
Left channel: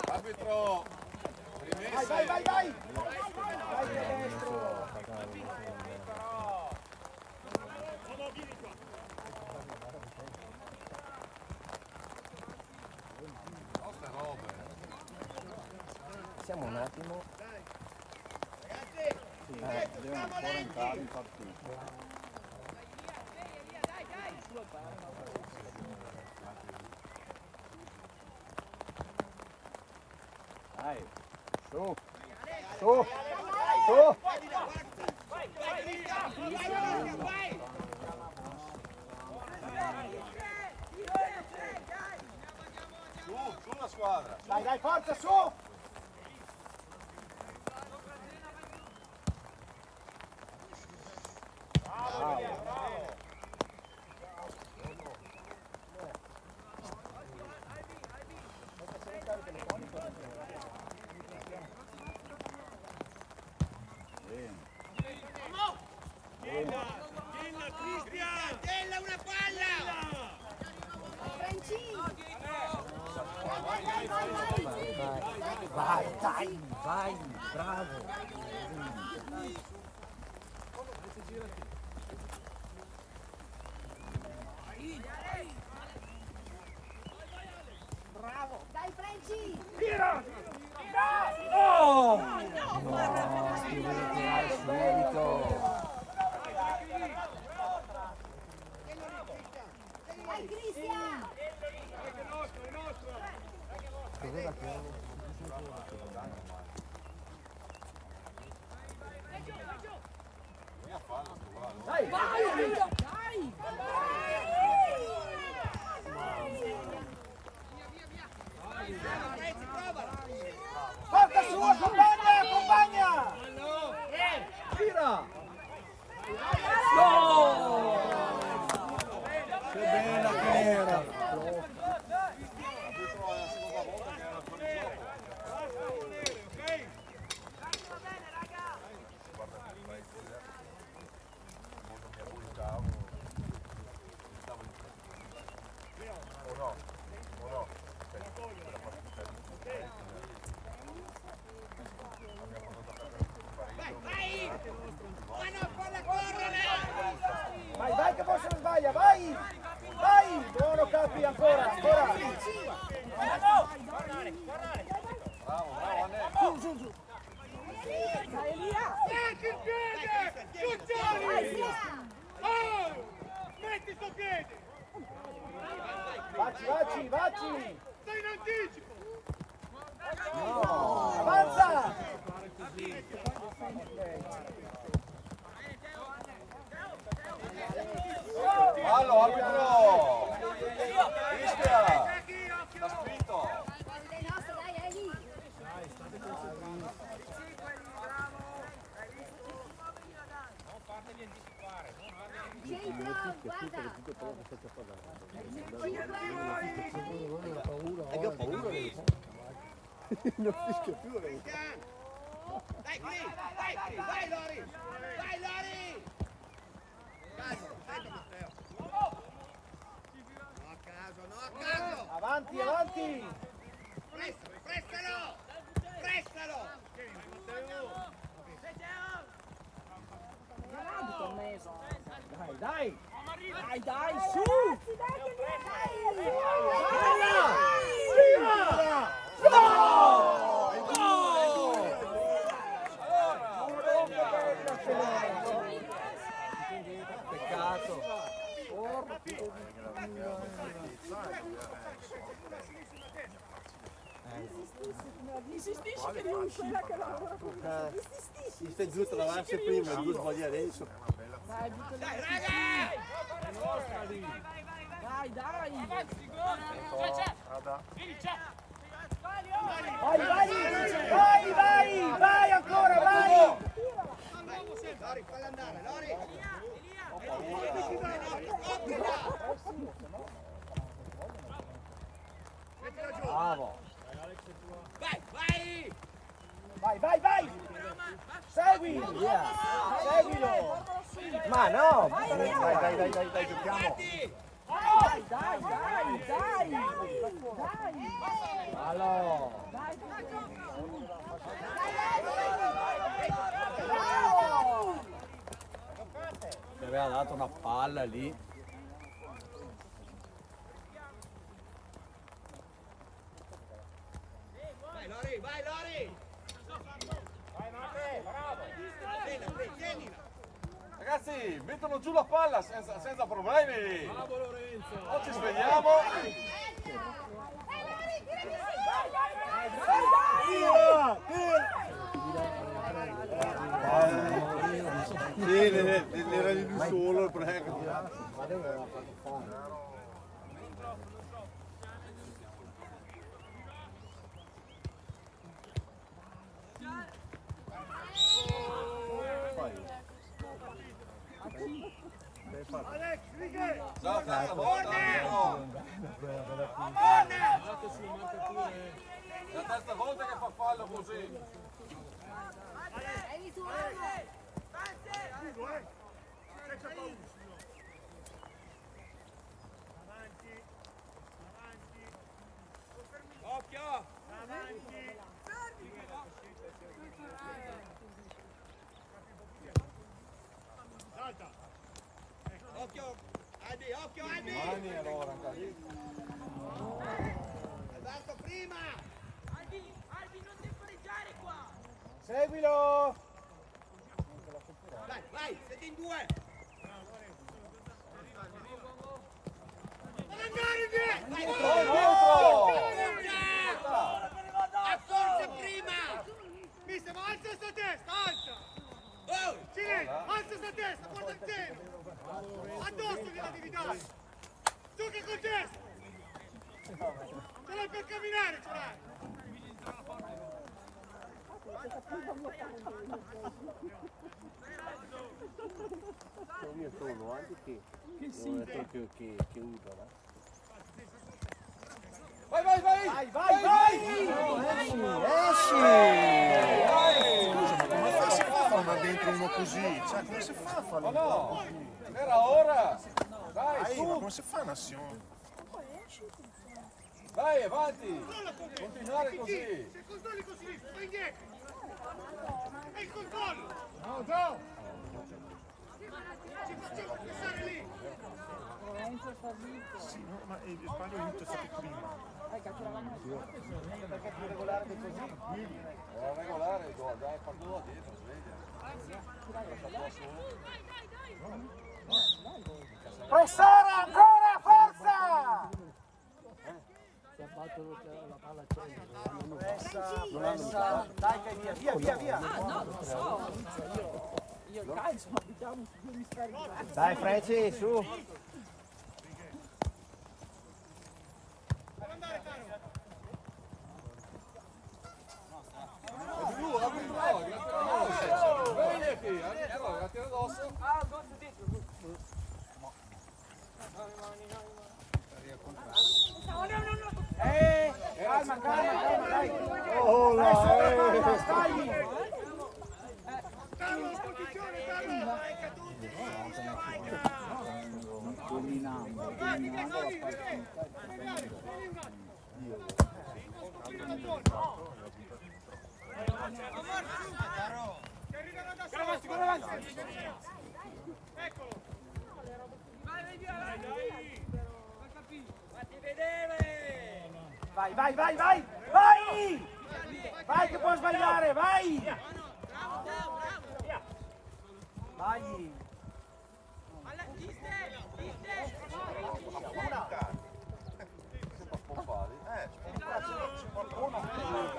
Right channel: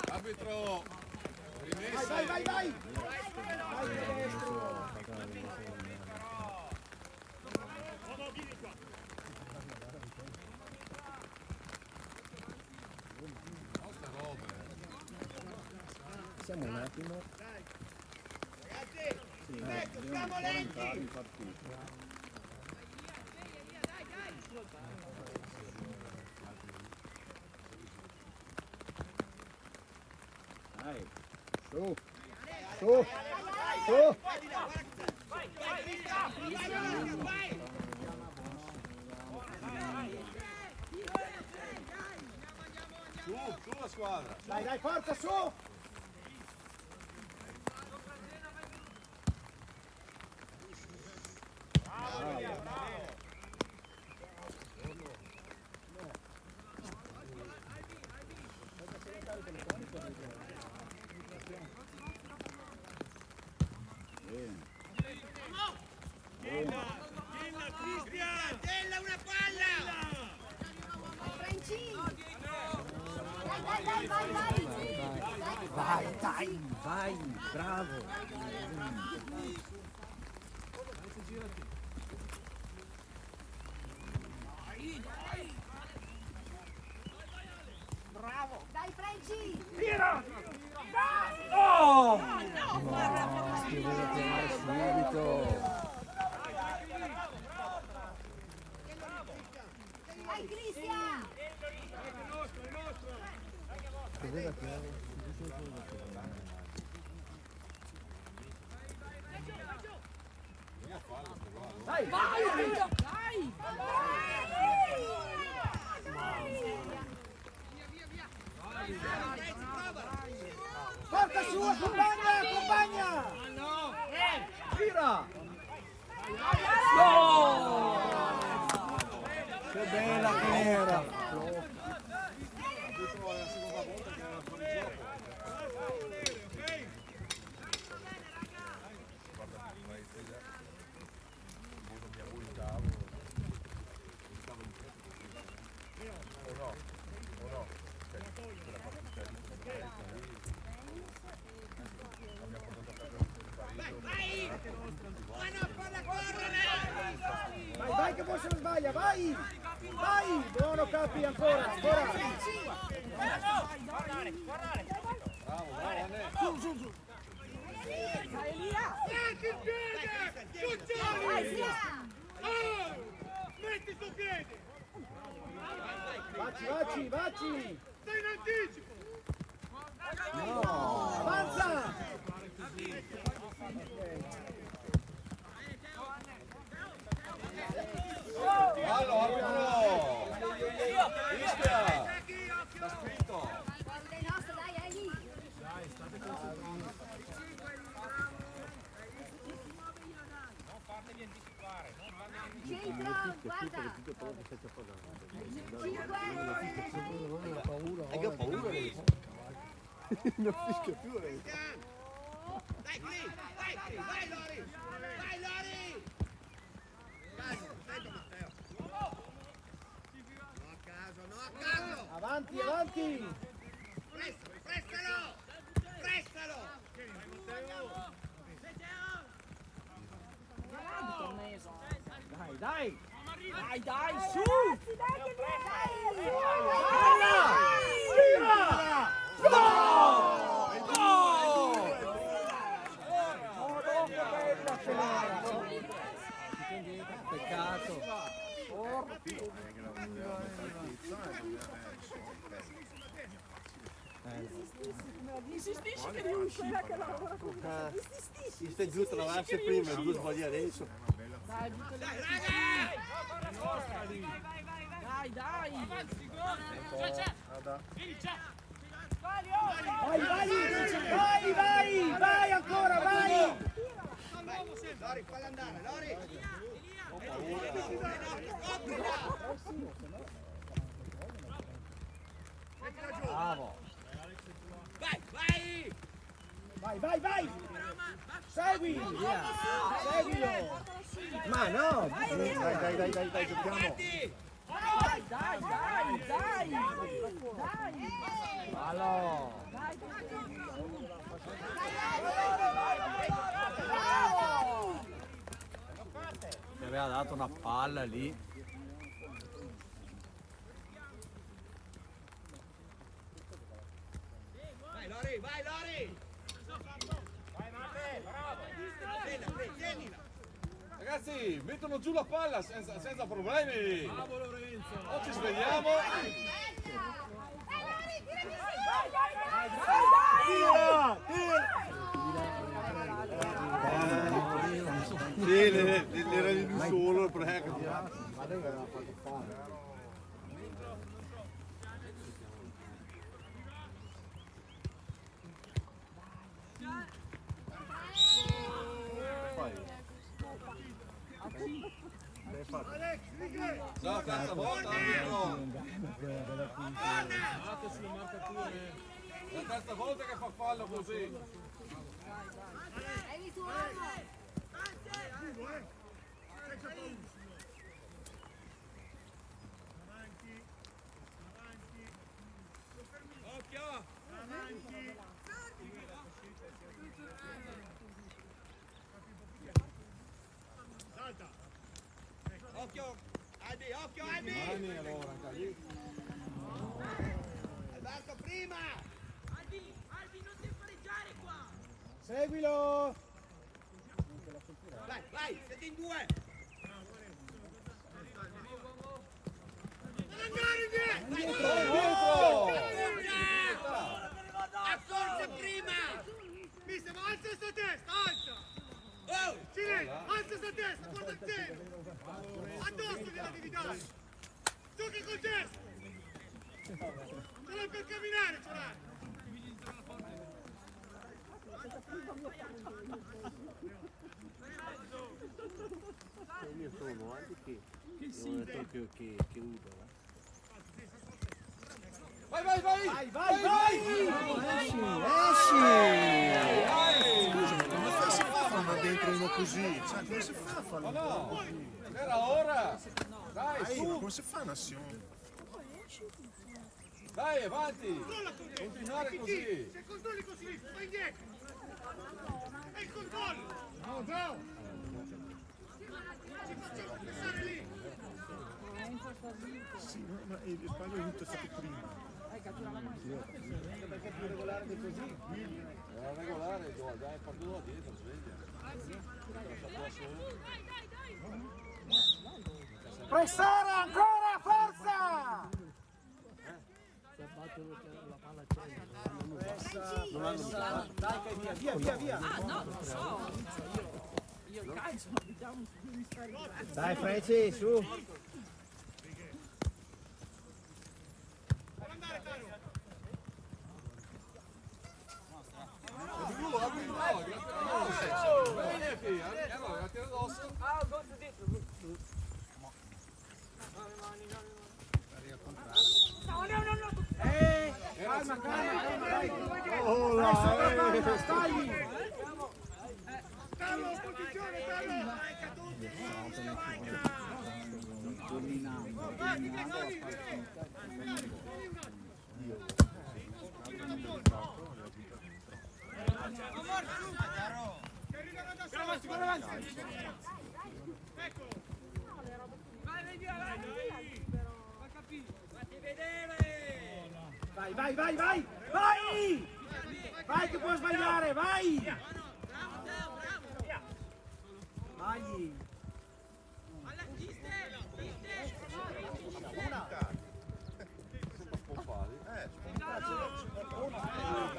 Arbitro! Vai, vai, vai, vai! Vai destro! Siamo un attimo. Devono ancora entrare in partita. Dai, su, su, su. Su la squadra! Dai, dai, forza, su! Della una palla! Franci! Vai, dai, vai, bravo. Dai Franci! Oh! No, No, subito. Dai Cristian! Vai, dai! Forza su, accompagna, accompagna! Gira! No! Che bella che era! Arbitro è la seconda volta che era fuori gioco. Gaia, vai! Vai! Buono Capi, ancora, ancora! Su. Dai Elia! Metti il piede! Giuccioni! Oh! Metti sto piede! Vacci! Sei in anticipo! Avanza! Fallo, arbitro! Fischia! Sta scritto! Fuori dai nostri, dai, è lì. Centro, guarda. Ho paura. Che ho paura lei. Non fischia più lei. Dai, vai Lori! Vai Lori! Dai, sento Matteo. No a caso! Avanti! Prestalo! Dai! Dai, su! Peccato! Insistisci che riesci, che lavora con me. Mi stai giù tra l'altro prima e due sbagli adesso. Dai, butta lì. Dai! Vai ancora, vai! Lori, falla andare, Lori! Bravo! Vai! Seguilo! Ma no! Dai, giochiamo! Dai! Fallo! Mi aveva dato una palla lì. Vai Lori! Tienila! Ragazzi, mettono giù la palla senza problemi! Bravo Lorenzo! O ci svegliamo! Sì, era di lui solo, prego. Alex, righe! Già la terza volta, arbitro! È la terza volta che fa fallo così! Hai visto uomo? Senza paura! Avanti! Occhio! Avanti! Salta! Occhio Albi! Mani allora, anche lì. Alberto prima! Albi, non ti pareggiare qua! Seguilo! Vai, siete in due! Non andare via! Accorge prima! Mister, ma alza sta testa, alza! Oh! Silenzio, alza sta testa, guarda il seno! Addosso che la devi dare! Gioca col gesto! Ce l'hai per camminare, ce l'hai! Il mio sono anche che non è detto che usa, no? Vai! Scusa, ma come si fa a fare dentro uno così? Cioè, come si fa a farlo? Ma no! Era ora! Dai, Ma su! come si fa un'azione? Dai, avanti! Continuare così! Se il controllo così, vai indietro! È il controllo! No, Gio! Ci facciamo pensare lì! Sì, ma il Spagna è stato prima. Perché è più regolare di così. Era regolare, dai, parlo dietro, sveglia. Pressare ancora, forza! Si è fatto la palla Pressa, dai che via. No, non so. Io il calcio, ma abitiamo su due emisferi diversi. Dai Freci, su. Apri tu, svegliati, la tira addosso. Calma, dai. Oh, Dai, sopra palla, scagli. Carlo, posizione, Carlo! Vai, Catucci! Vai! Vai che puoi sbagliare, vai! Vai!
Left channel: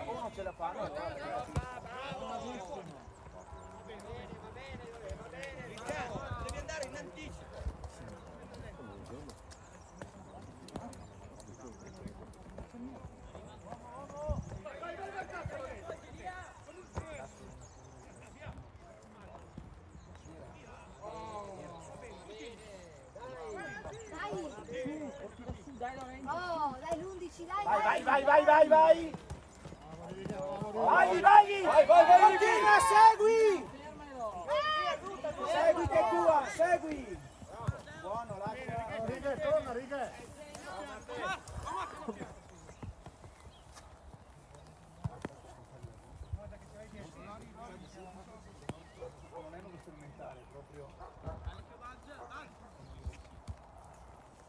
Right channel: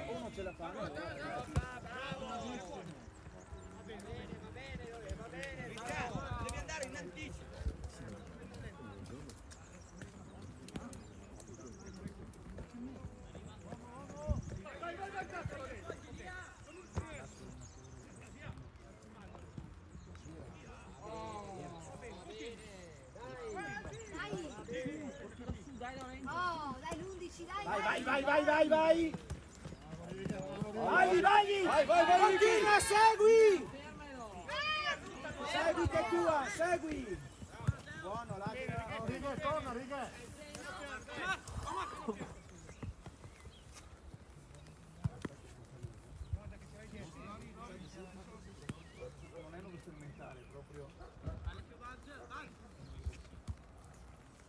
Uno ce la fa. Devi andare in anticipo. Oh, dai l'11, dai! Vai! Vai! Continua, segui! Segui che è tua, segui! Buono, lascia. righe. Non è uno sperimentale, proprio.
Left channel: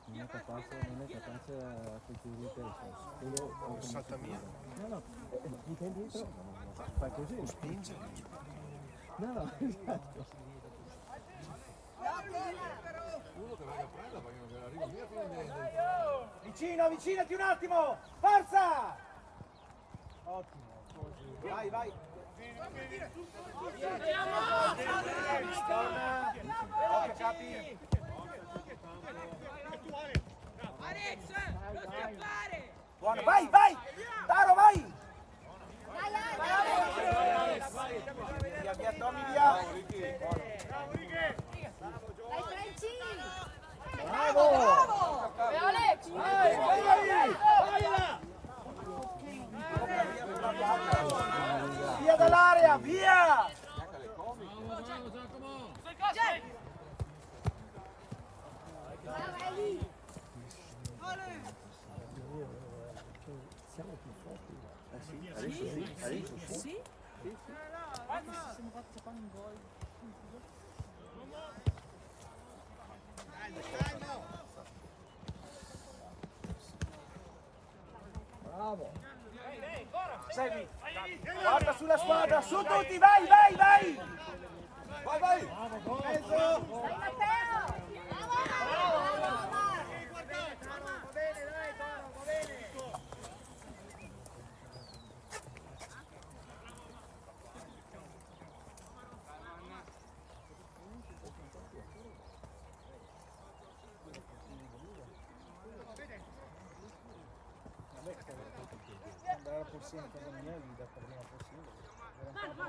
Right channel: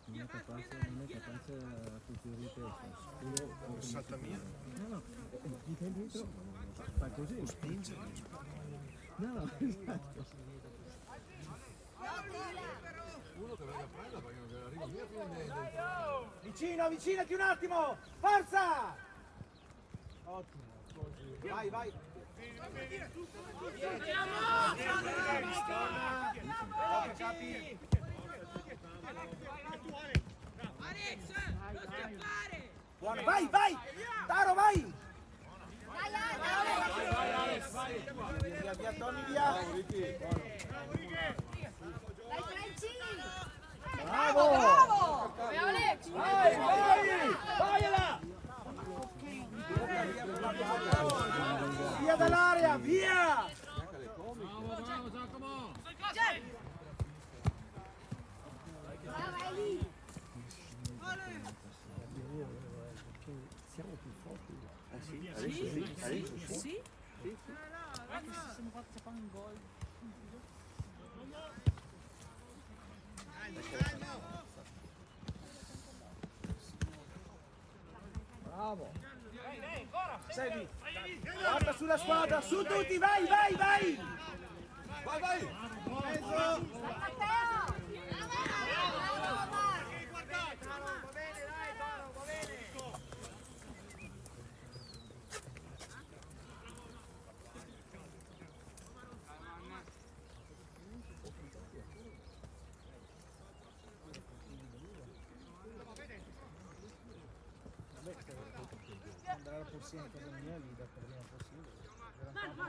Non è capace a culturare il quello Con Santamia. no, ti dietro, fa così, lo spinge. No, esatto. Uno che venga a prendere perché non arriva via fino a niente. Avvicinati un attimo! Forza! Ottimo, così. Vai! Torna! Occhio, capi! Alex, non scappare! Buono, vai! Taro, vai! Via, Tommy, via! Dai Francini! Bravo! E Alex! Vai là! Via dall'area, via! Brava, è lì! Siamo più forti. Sì? Anche se siamo fatti fare un gol. Bravo. Segui! Guarda sulla squadra, su tutti, vai! Vai! Mezzo! Dai Matteo! Andare alla porzione casa mia gli dà prima possibile.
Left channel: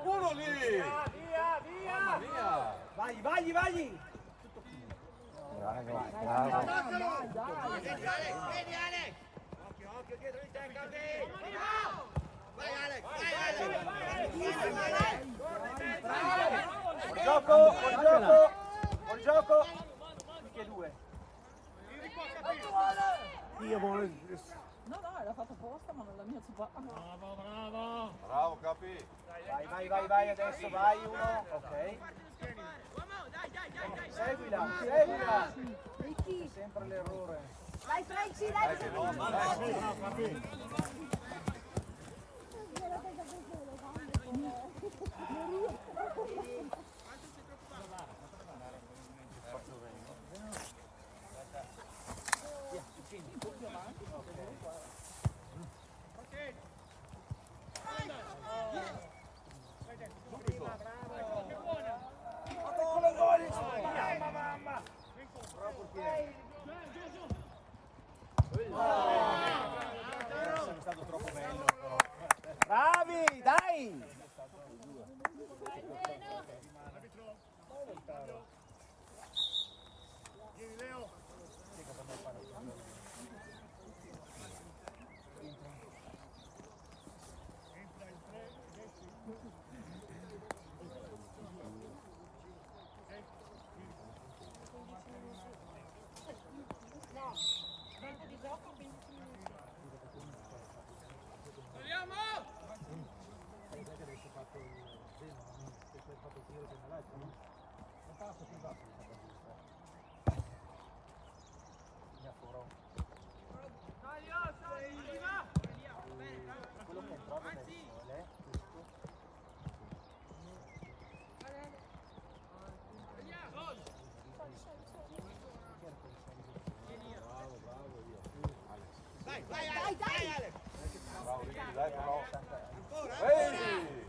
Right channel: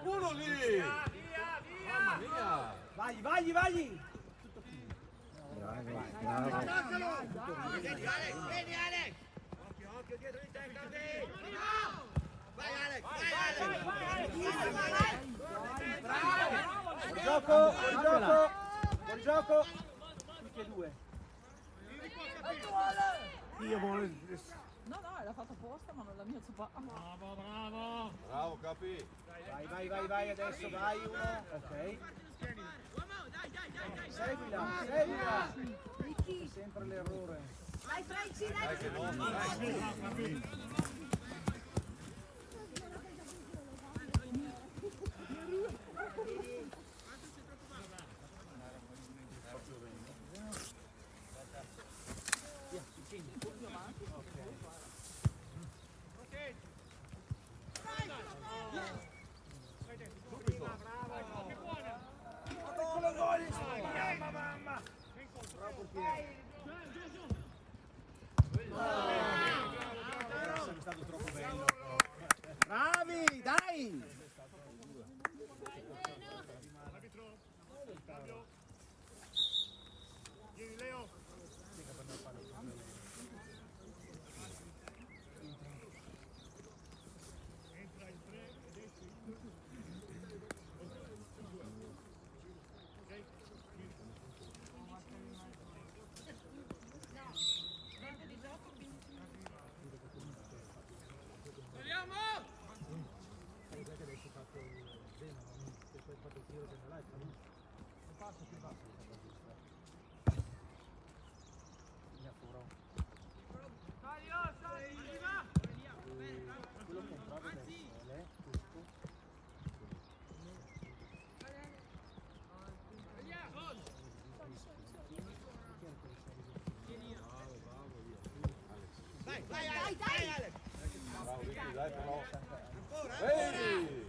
Uno lì! Mamma mia! Vai! Vedi Alex! Occhio dietro di te, Cardi! Vai Alex! Buon gioco! Tutti e due. Io voglio... No, era fatto apposta, ma non la mia zupa. Bravo, capi! Vai adesso, vai uno. Ok. Seguila! Ricchi! sempre l'errore. Dai Franci, dai! È stato troppo bello. Bravi, dai!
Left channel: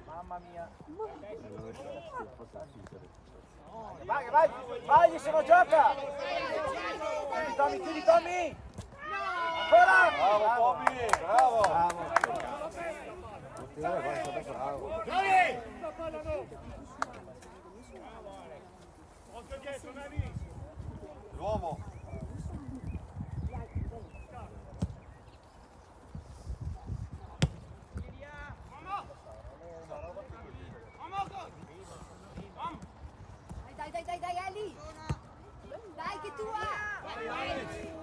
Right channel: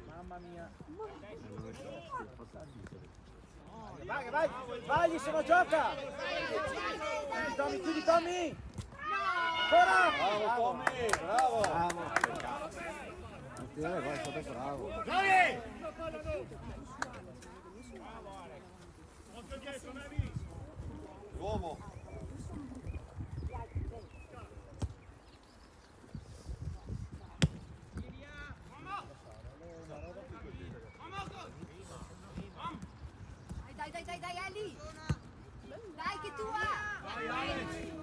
Mamma mia. Vai, vai, vai, sono gioca! Tommy, chiudi Tommy! Ancora! Bravo Tommy, bravo! Bravo! L'uomo! Dai, Ali! Dai, che tua!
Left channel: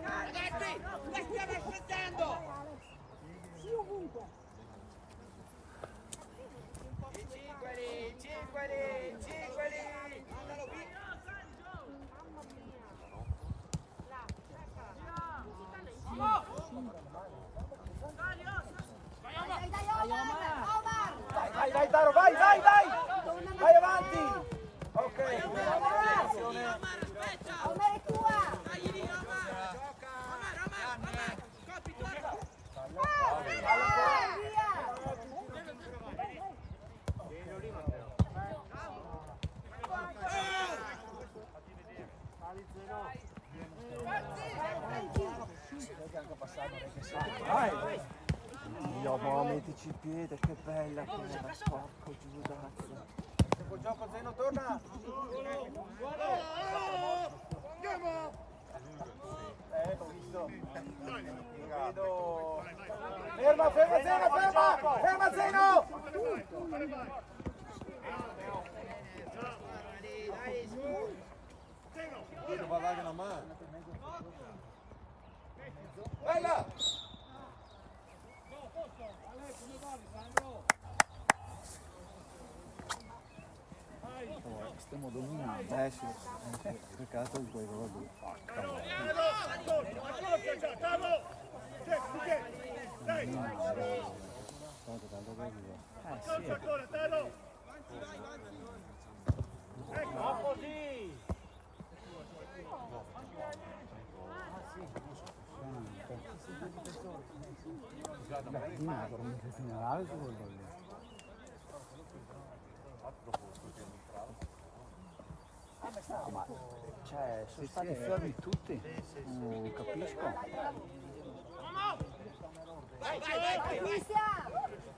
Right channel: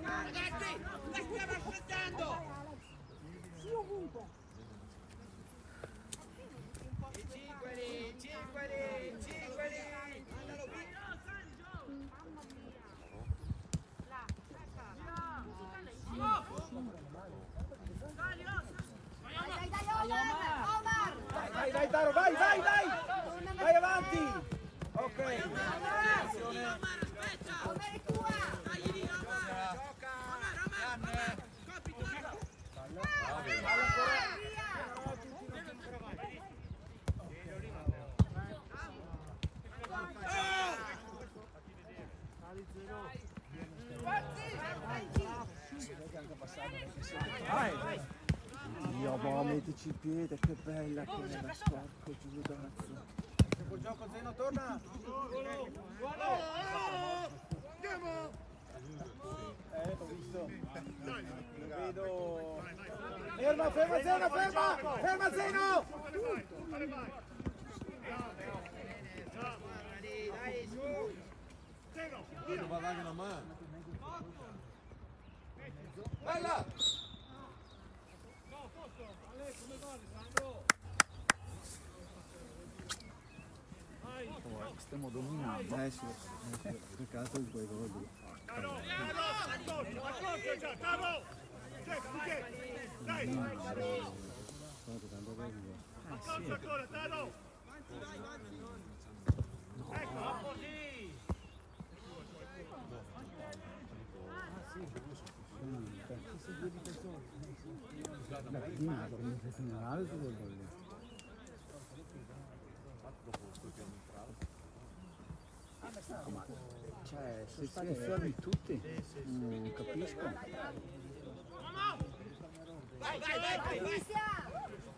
Ragazzi, la stiamo aspettando! Sì, ovunque! Cinque lì! Andalo via! Dai, Taro, vai! Vai avanti! Ok! Omar, aspetta! Omar è tua! Dai lì, Omar! Omar! Coppi, Vai! Dio, ma mettici il piede, che bella quella, porco giudazzo. Tempo gioco, Zeno, torna! L'ho visto. Vedo. Ferma Zeno! Non va a una mano! Bella! Stiamo dominando. Sì. Peccato di quei gol lì. Ma cioè, sono stati fermi tutti, non capisco. Vai!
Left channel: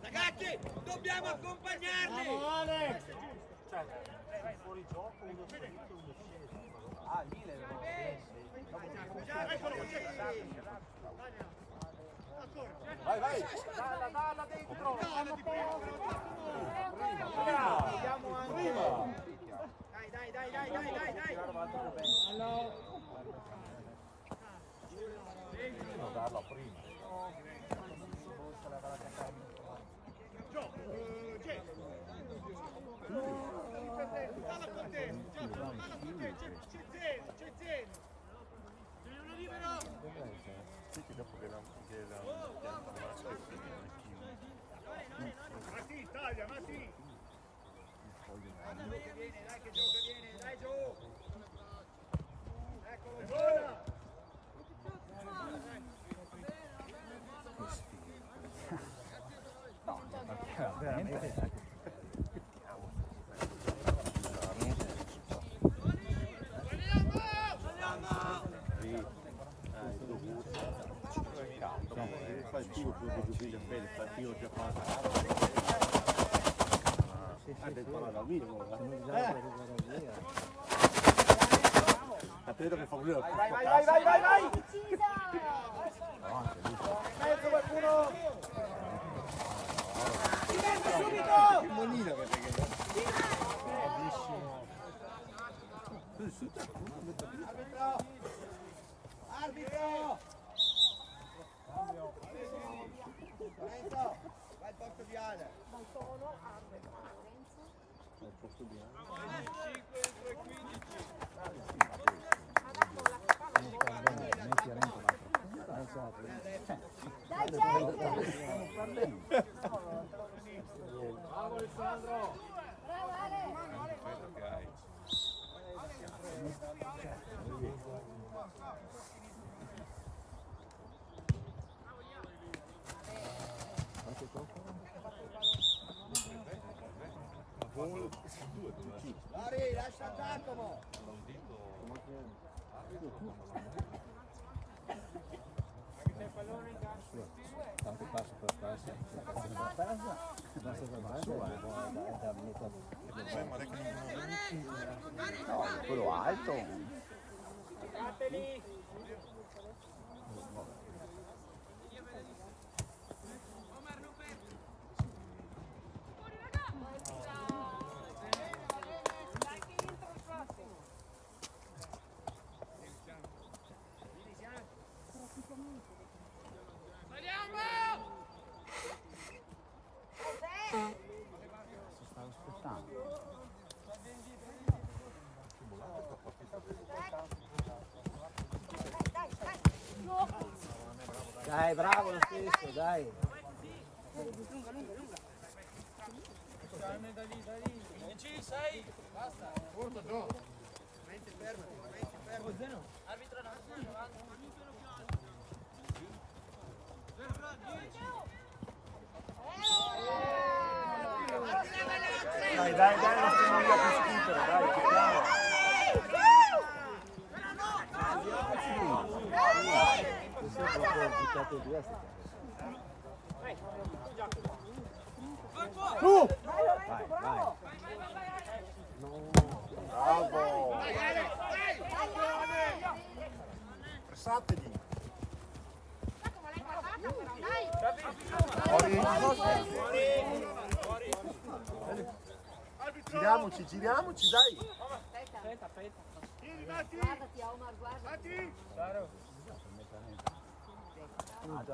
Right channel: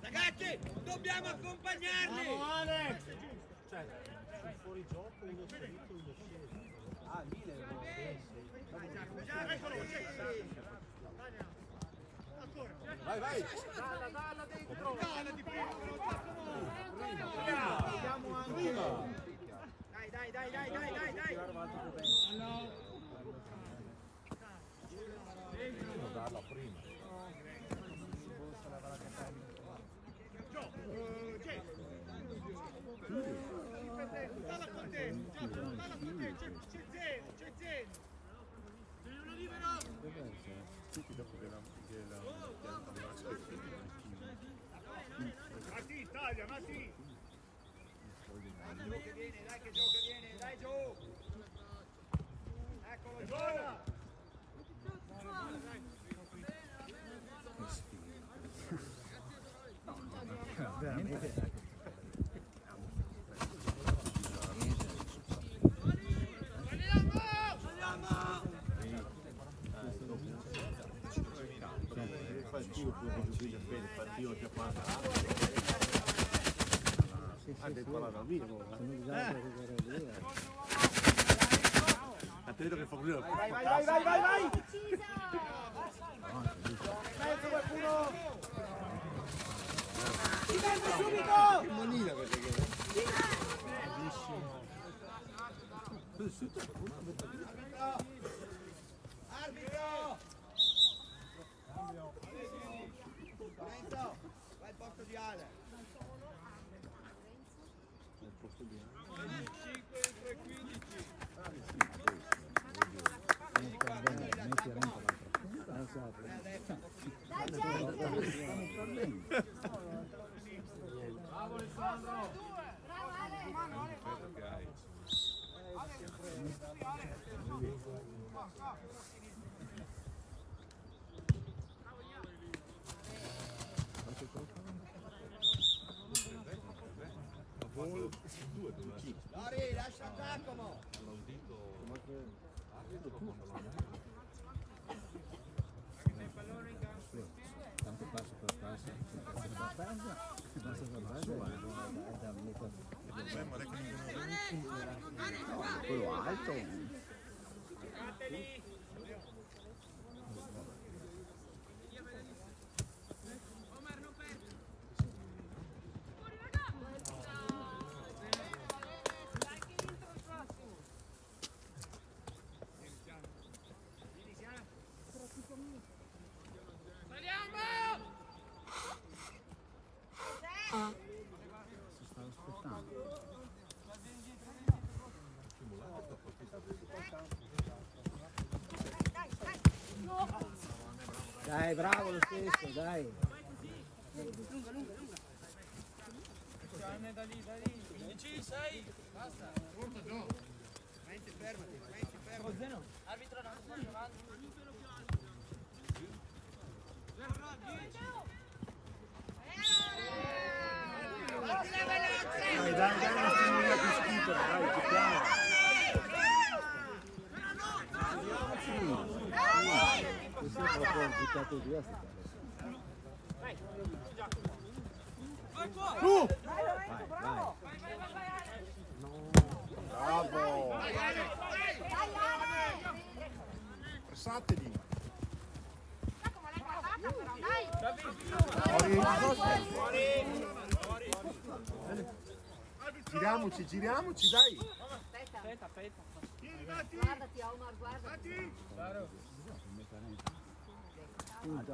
Ragazzi, dobbiamo accompagnarli! Cioè, fuori gioco, uno salito, uno sceso. Ah, lì Vai! Dalla dentro! Vediamo anche! Dai! Non darla prima. Palla con te, c'è Zeno! Devi uno di Dai giù! Eccolo giù! Veramente. Attento che fa un Vai! Mezzo qualcuno! Subito! Che molino che te che... Arbitro! Vai al posto di Ale. Al posto di 5 entro i 15. Dai Jack! Bravo Alessandro! Bravo Ale! Lori, lascia Giacomo! Tanto passo per passo, no, quello alto. Si stanno aspettando. Dai, bravo lo stesso, dai. Da lì. Vicini sei. Basta. Arbitro non sta giocando. Dai, non stiamo via più schifo, dai, giochiamo. Tu! Bravo! Bravo! Vai Ale! Pressatevi! Giacomo l'hai guardata però, dai! Giriamoci, dai! Aspetta, Vieni, Matti! guardati Omar, guardati! Matti!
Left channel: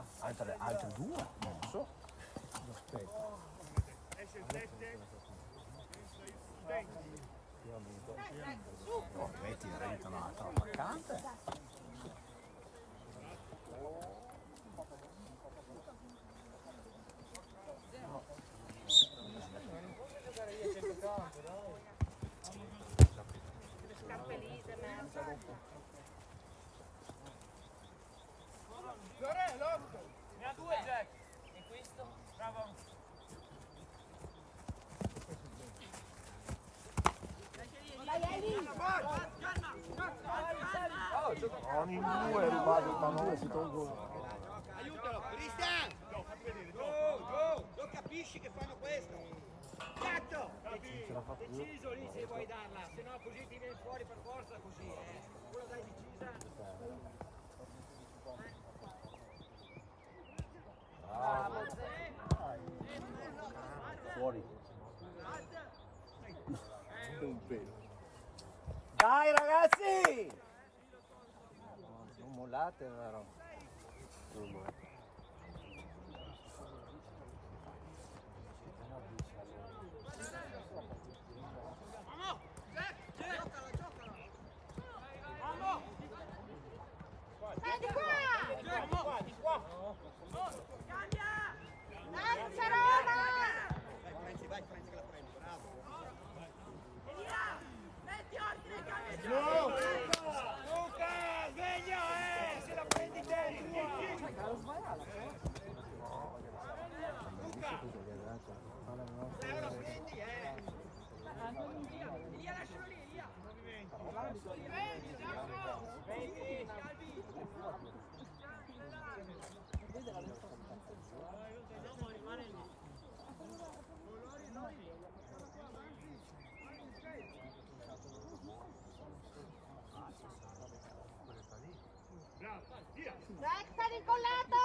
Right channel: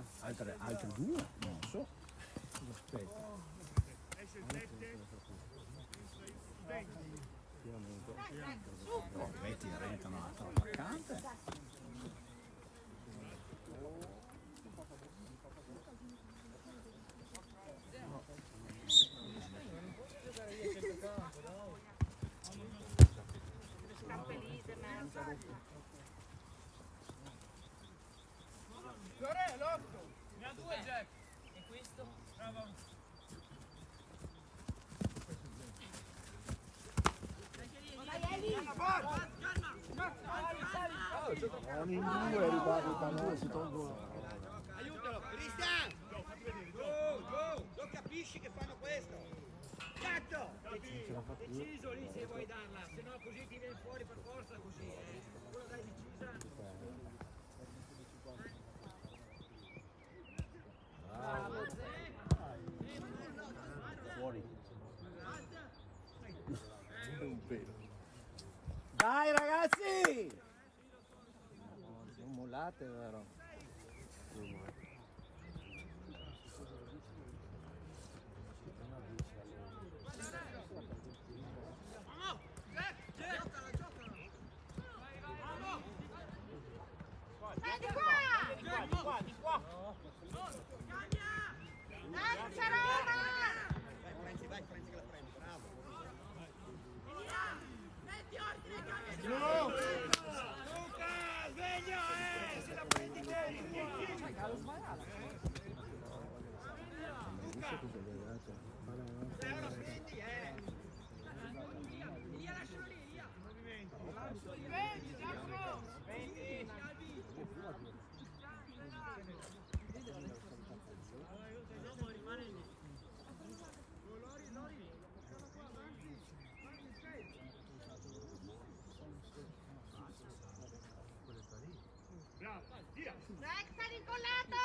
Altre due? Non so. Aspetta. Oh, metti renta un'altra attaccante. Cappellite, merda! Fiore, l'otto! Ne ha due Jack. E questo? Bravo. Vai Eli! Ogni due rimane si tolgono. Aiutalo! Cristian! Giù! Lo capisci che fanno questo? Cazzo! Deciso lì se vuoi darla, se no così ti vieni fuori per forza così, Quello dai decisa. Fuori. Dai ragazzi! Non mollate, vero? Dai di qua! Dai, Roma! Vai Franci che la prendi, bravo. Dai, sta incollato!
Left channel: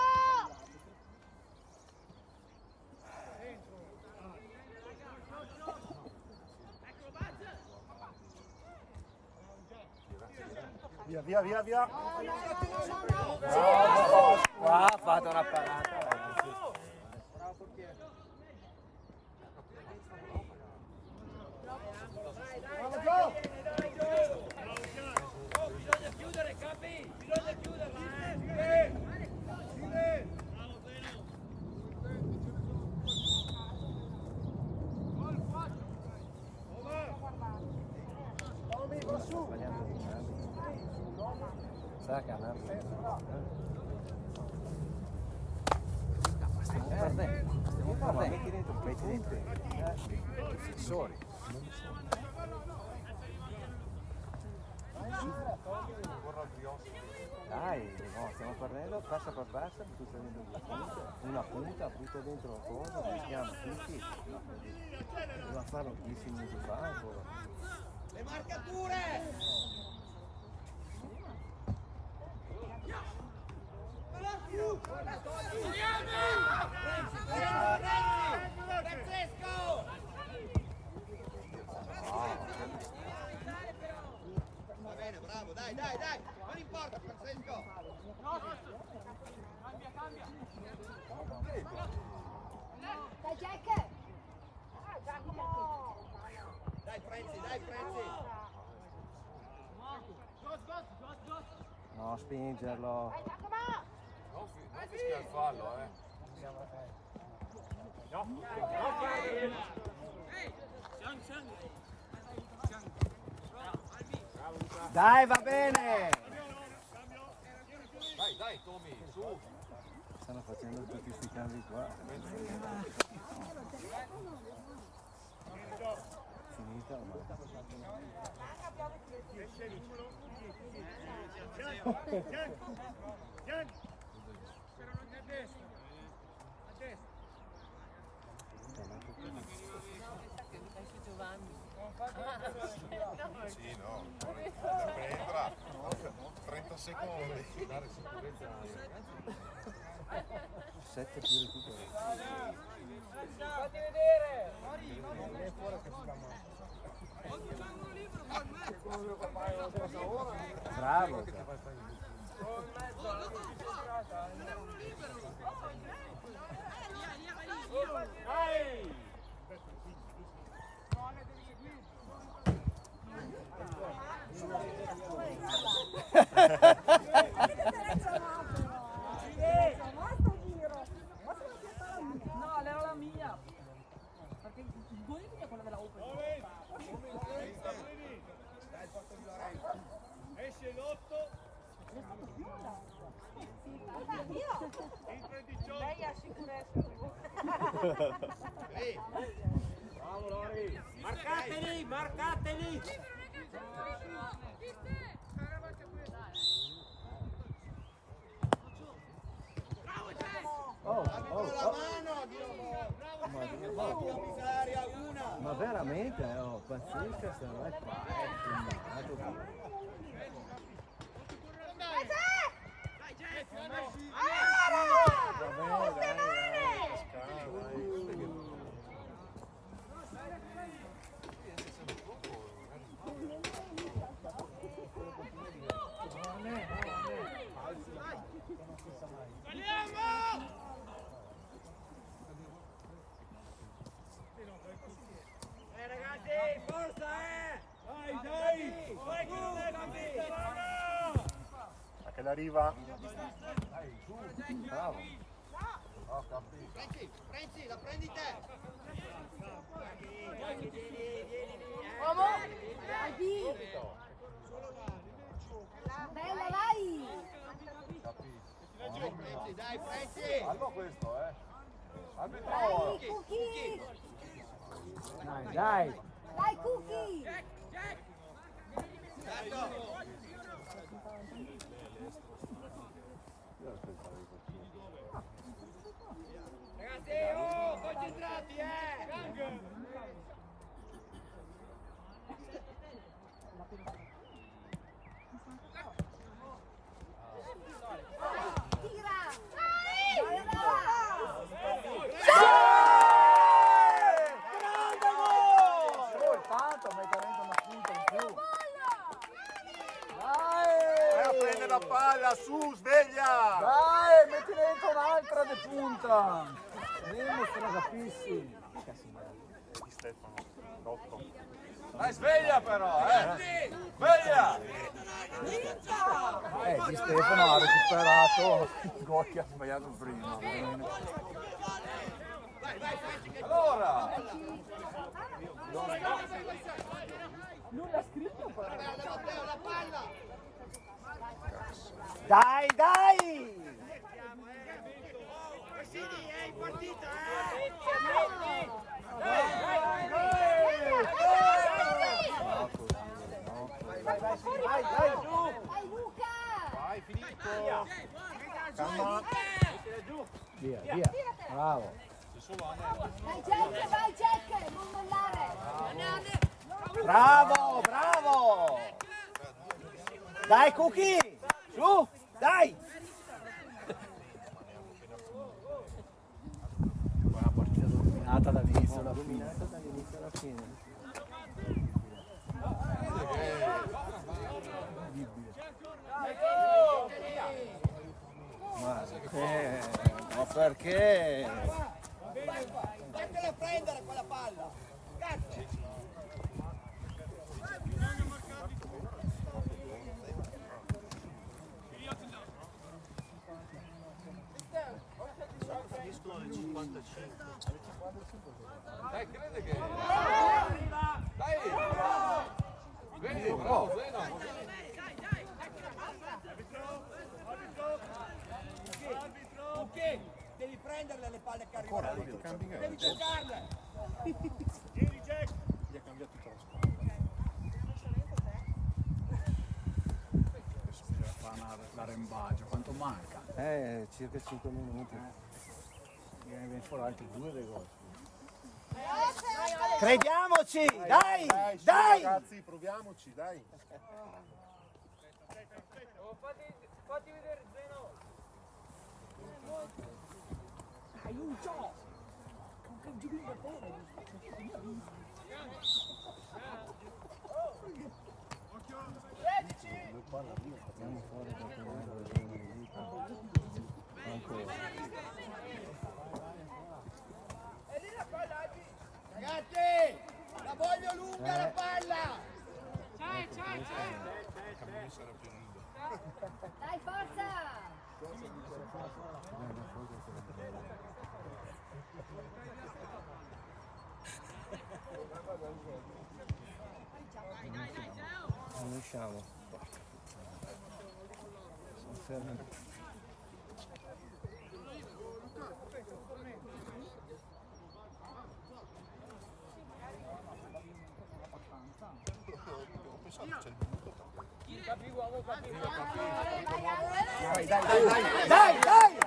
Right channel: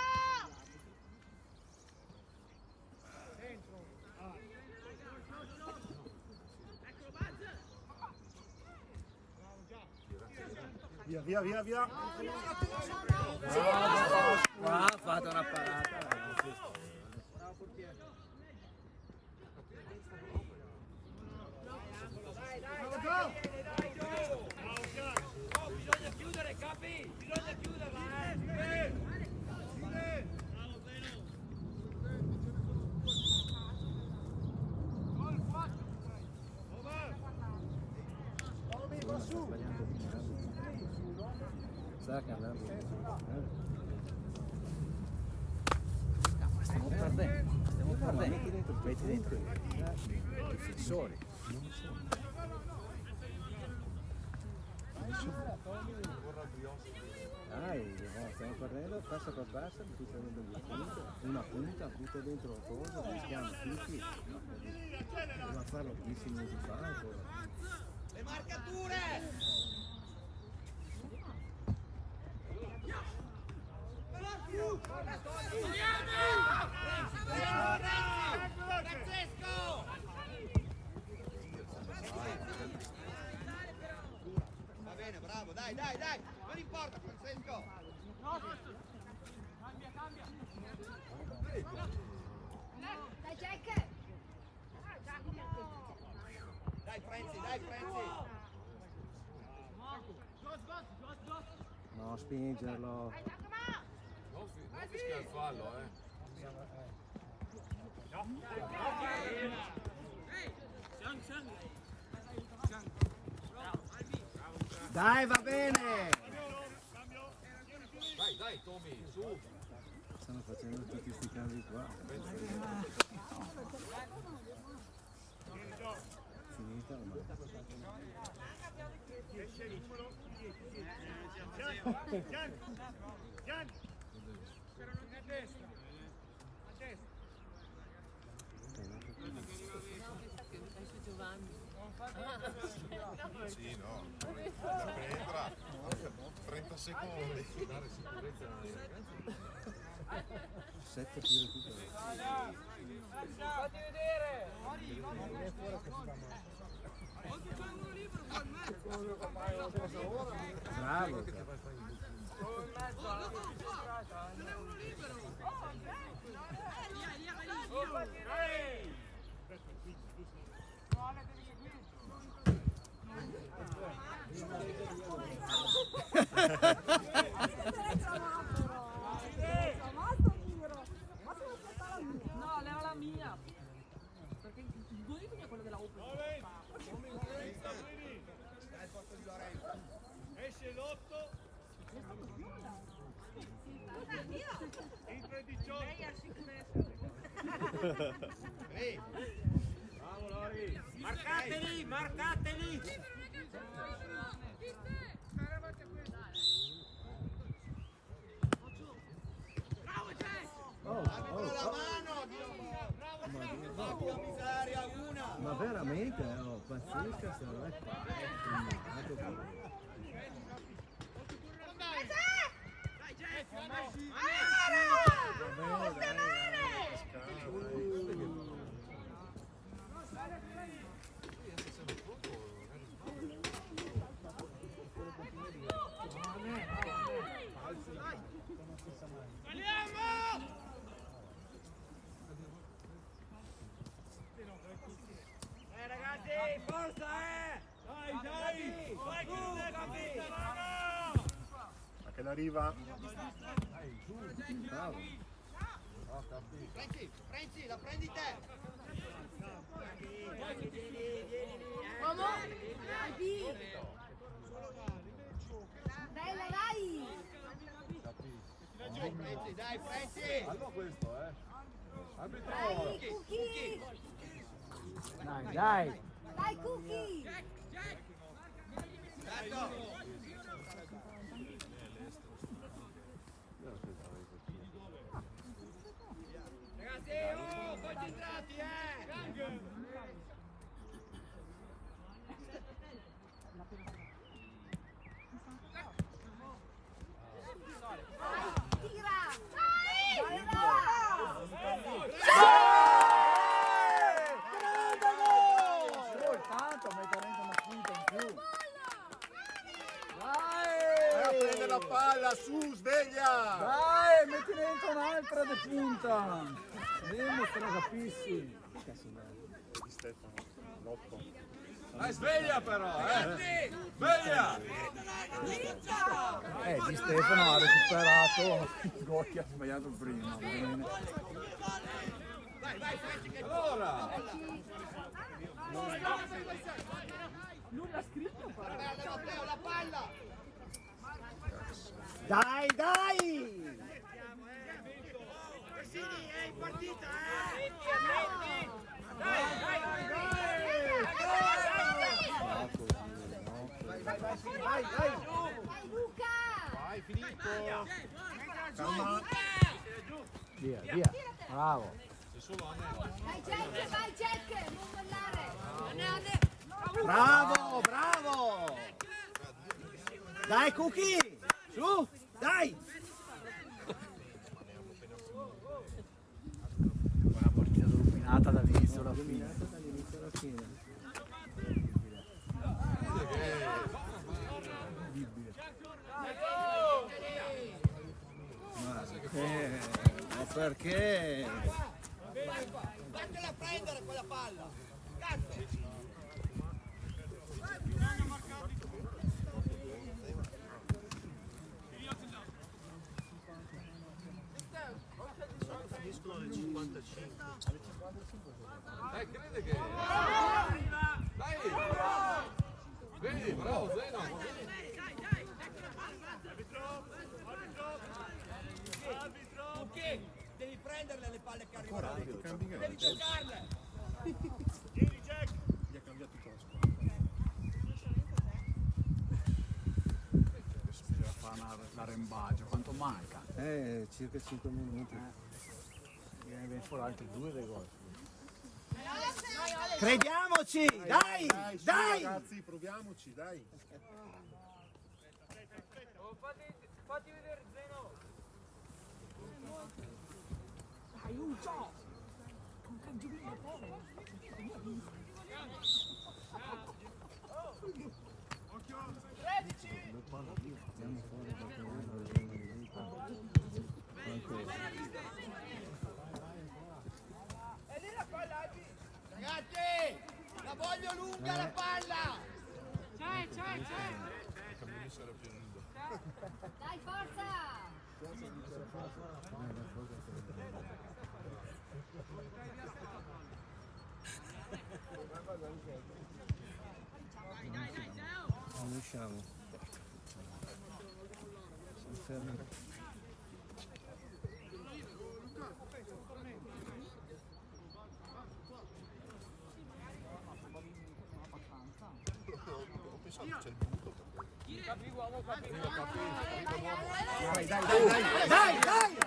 Via, via, via, via. Qua ha fatto una parata. Bisogna chiudere, capi! Bisogna chiuderla, Sa che andando. Stiamo perdendo. Metti dentro i fissori. Dai, no, stiamo perdendo passa per passa, tu stai dentro una punta, butta dentro la cosa, rischiamo tutti. Doveva farlo 10 minuti fa ancora. Le marcature! Francesco! Va bene, bravo, dai, dai, dai! Non importa, Francesco! Dai, Jack! Dai, Franci, dai, Franci! No, spingerlo. Non fischia il fallo, Dai, va bene! Dai, dai, Tommy, su! Stanno facendo tutti questi cambi qua. Finita ormai. Sì, no. Entra. 30 secondi. 7 più recupero. Fatti vedere! Bravo! No, era la mia. Perché il bonito è quello della Open. Esce l'8. Entra il 18. Lei ha sicurezza. Bravo Lori. Marcateli, marcateli! La mano, bravo, miseria, una! Ma veramente, no, pazzesca se non è qua, è filmato. Va bene, dai, scala, dai. Ragazzi, forza, Dai, dai! Vai, A che l'arriva? Bravo. Franci, la prendi te! Bella, vai! Dai, Franci! Fallo questo, Arbitro! Dai, Cookie! Dai, dai! Dai, Cookie! Ragazzi, oh, concentrati, quella palla, su, sveglia! Dai, metti dentro un'altra di punta! Vediamo se la capisci. Di Stefano, Rocco. Dai, sveglia però, Sveglia! Di Stefano ha recuperato il gol che ha sbagliato prima. Allora! La palla! Dai, dai! Cassini è in partita, Vai, Dai Luca! Vai, Filippo! Calma! Via, via. Bravo. Vai Jack, non mollare! Bravo, bravo! Dai, Cookie! Su, dai! Una partita dominata dall'inizio alla fine. Ma perché? Vattela a prendere quella palla! Cazzo! Dai, crede che... Dai! Vedi, bravo, Ok, devi prenderle le palle che arrivano. Devi giocarle. Gli ha cambiato tutta la squadra. Adesso bisogna fare l'arrembaggio. Quanto manca? Circa 5 minuti. Viene fuori altri 2 dei gol. Crediamoci! Dai! Su, Dai! ragazzi, proviamoci, dai! Fatti vedere Zeno. Ragazzi, la voglio lunga la palla. Dai, forza! Non riusciamo. Sono fermi. Dai, dai, dai, dai! Dai, dai!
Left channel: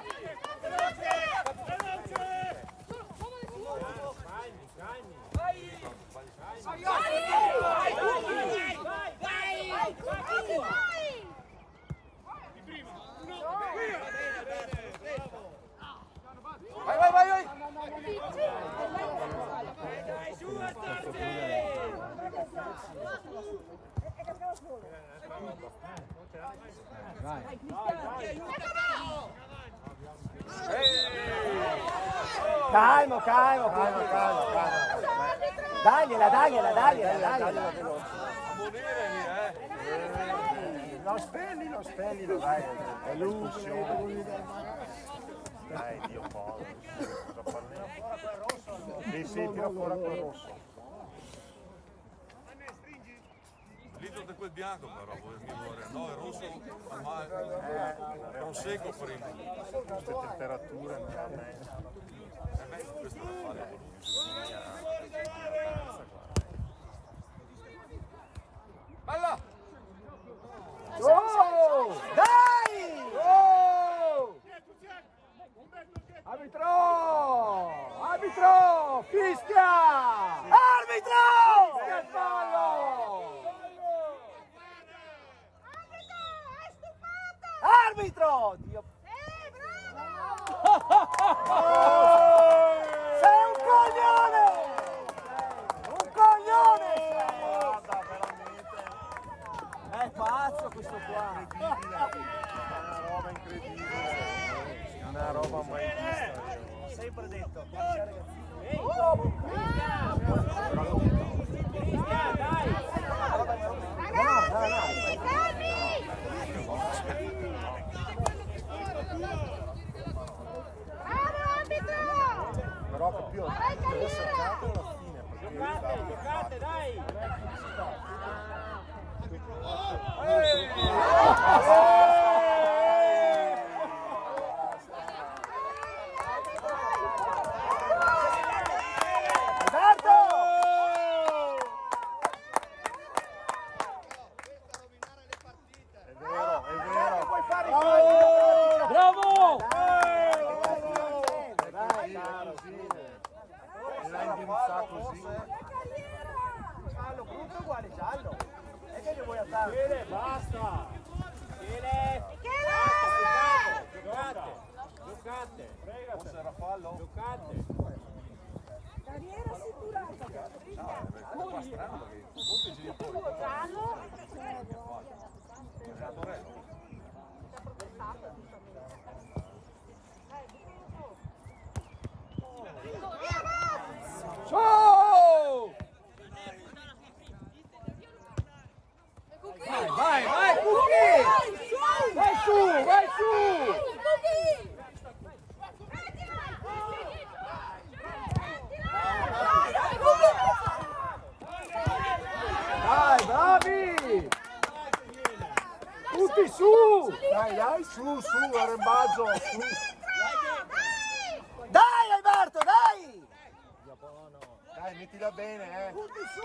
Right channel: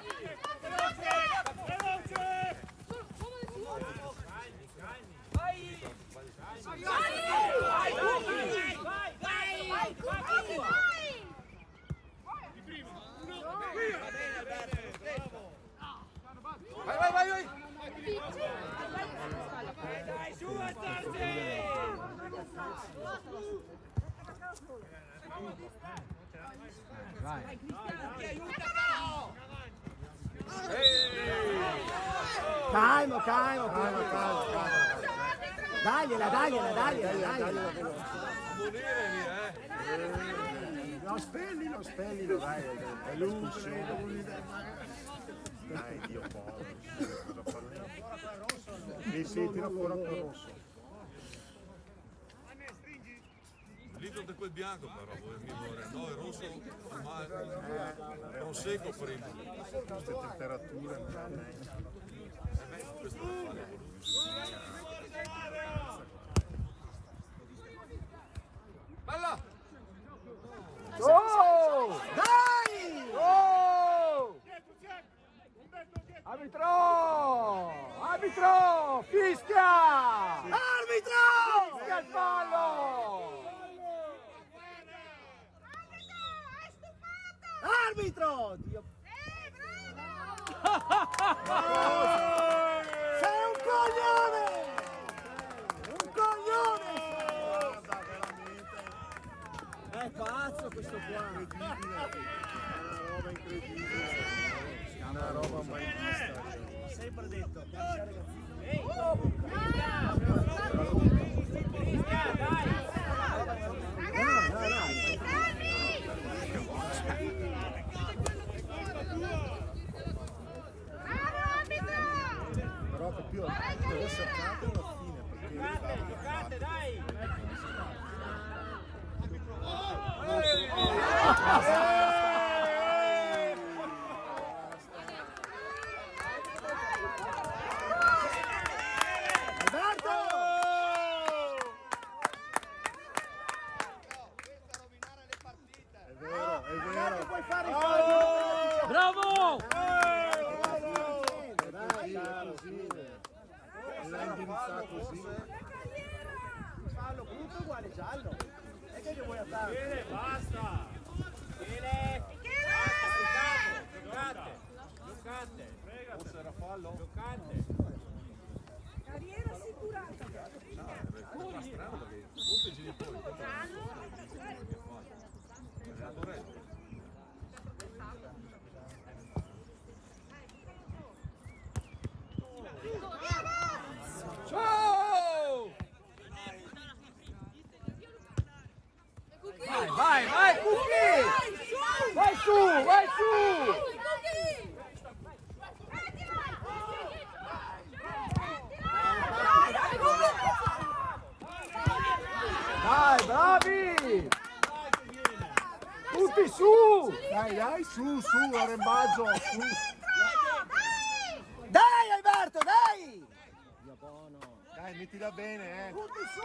Vai, vai, vai, vai! Vai. Calmo, calmo, calmo, calmo, calmo. Dagliela, dagliela, dagliela, dagliela. Ammonire lì, Lo spellilo, dai! È l'uccisione! Dai, Dio povero! Cosa parliamo? Sì, tira fuori quel rosso! Lito di quel bianco però, no, è rosso, ma è un secco prima. Queste temperature non va bene. Questo lo fa la Bella! Oh! Dai! Oh! Arbitro! Arbitro! Fischia! Arbitro! Fischia il fallo! Arbitro! Dio! Sei un coglione! Un coglione! È pazzo questo qua. Una roba incredibile. Una roba mai vista. Sempre detto, Però capito, deve seccato alla fine perché Giocate, dai! bravo! la indirizza così. Giallo, brutto uguale giallo. E che vuoi andare? Michele, basta! Michele! Giocate! Giocate! Forse era fallo? Giocate! Carriera assicurata. No, è qua strano perché tutti i genitori. È Torello. Oh! Vai, Cucchi! Vai su! Dai, bravi! Tutti su! Dai, su, arrembaggio, su. Dai, Alberto, dai! Dai, mettila bene, Tutti su!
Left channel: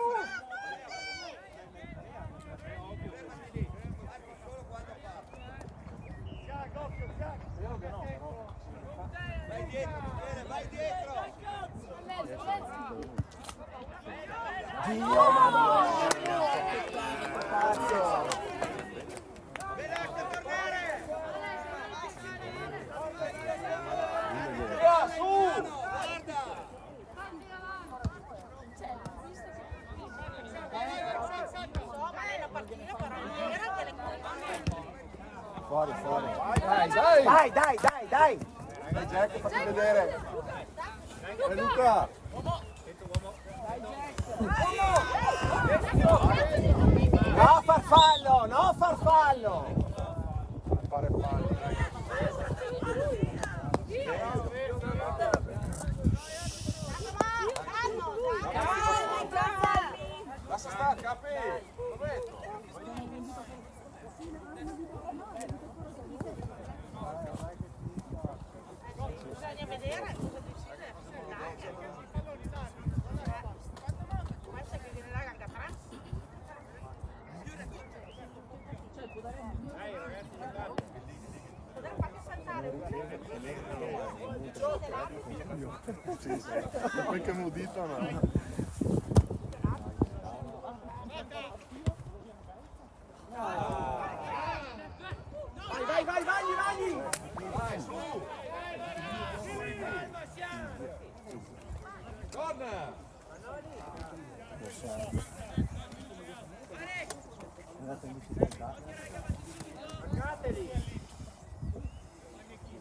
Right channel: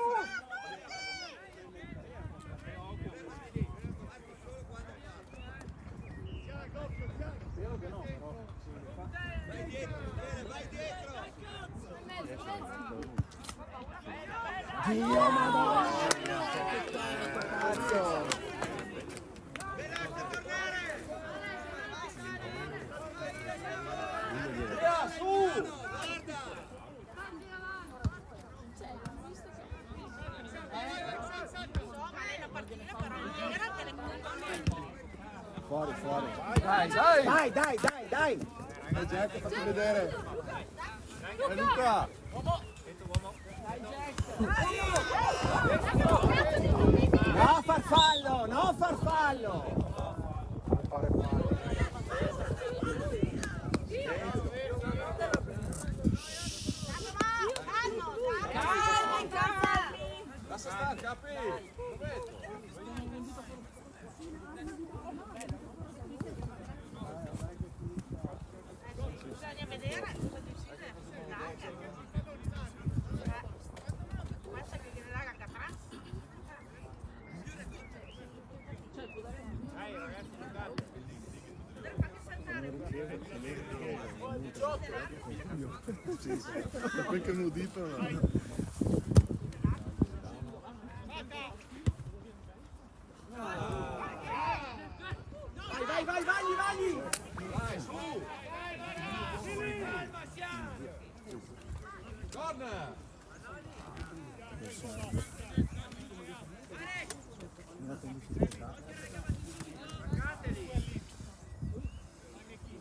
Vai dietro, Michele, vai dietro! Dio, madonna! Lascia tornare! Su! Guarda! Fuori. Dai! Dai Jack, fatti vedere. Luca. No farfallo! Non fare fallo, dai. Lascia stare, capi! Prometto! Bisogna vedere cosa decide. Basta che viene là da pranzo. Dai ragazzi, giocate! Poi che mudito, no? Vai! Dai, su! Corner!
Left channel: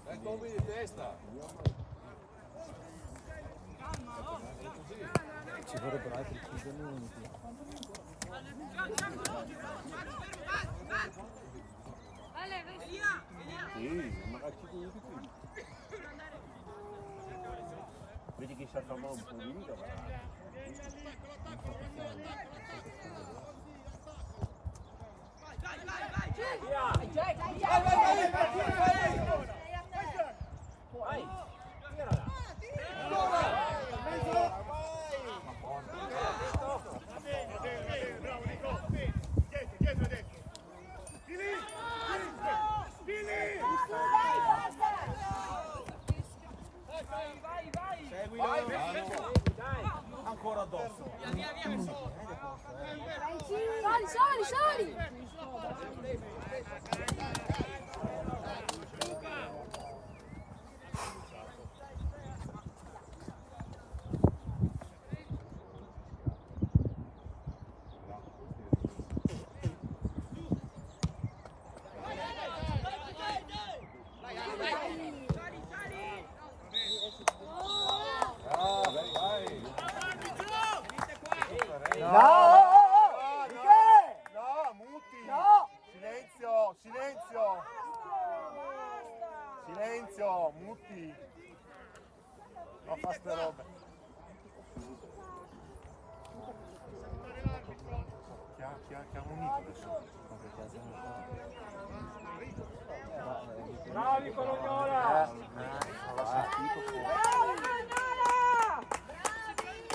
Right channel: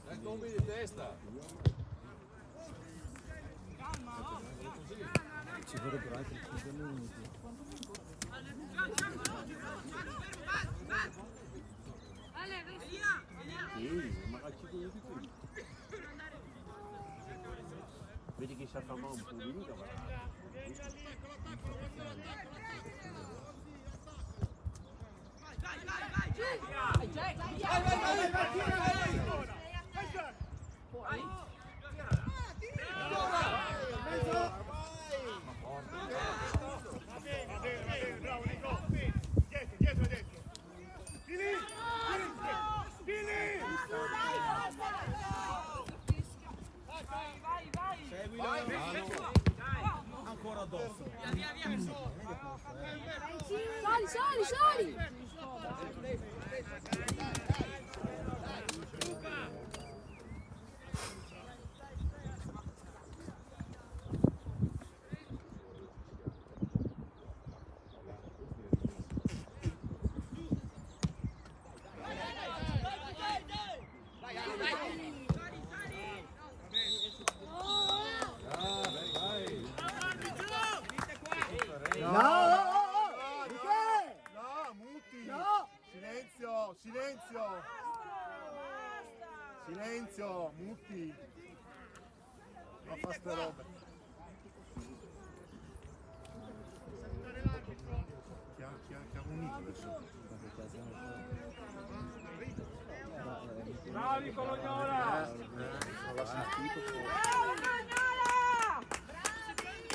Dai, tombi di testa! Ci vorrebbero altri 5 minuti. Sì, magari 5 minuti più. Vedi che si afferma un po' di vita, Ancora addosso. Sali! Silenzio, muti. Non fa ste robe. Ti ha unito adesso. Bravi Colognola! L'ho sentito fuori.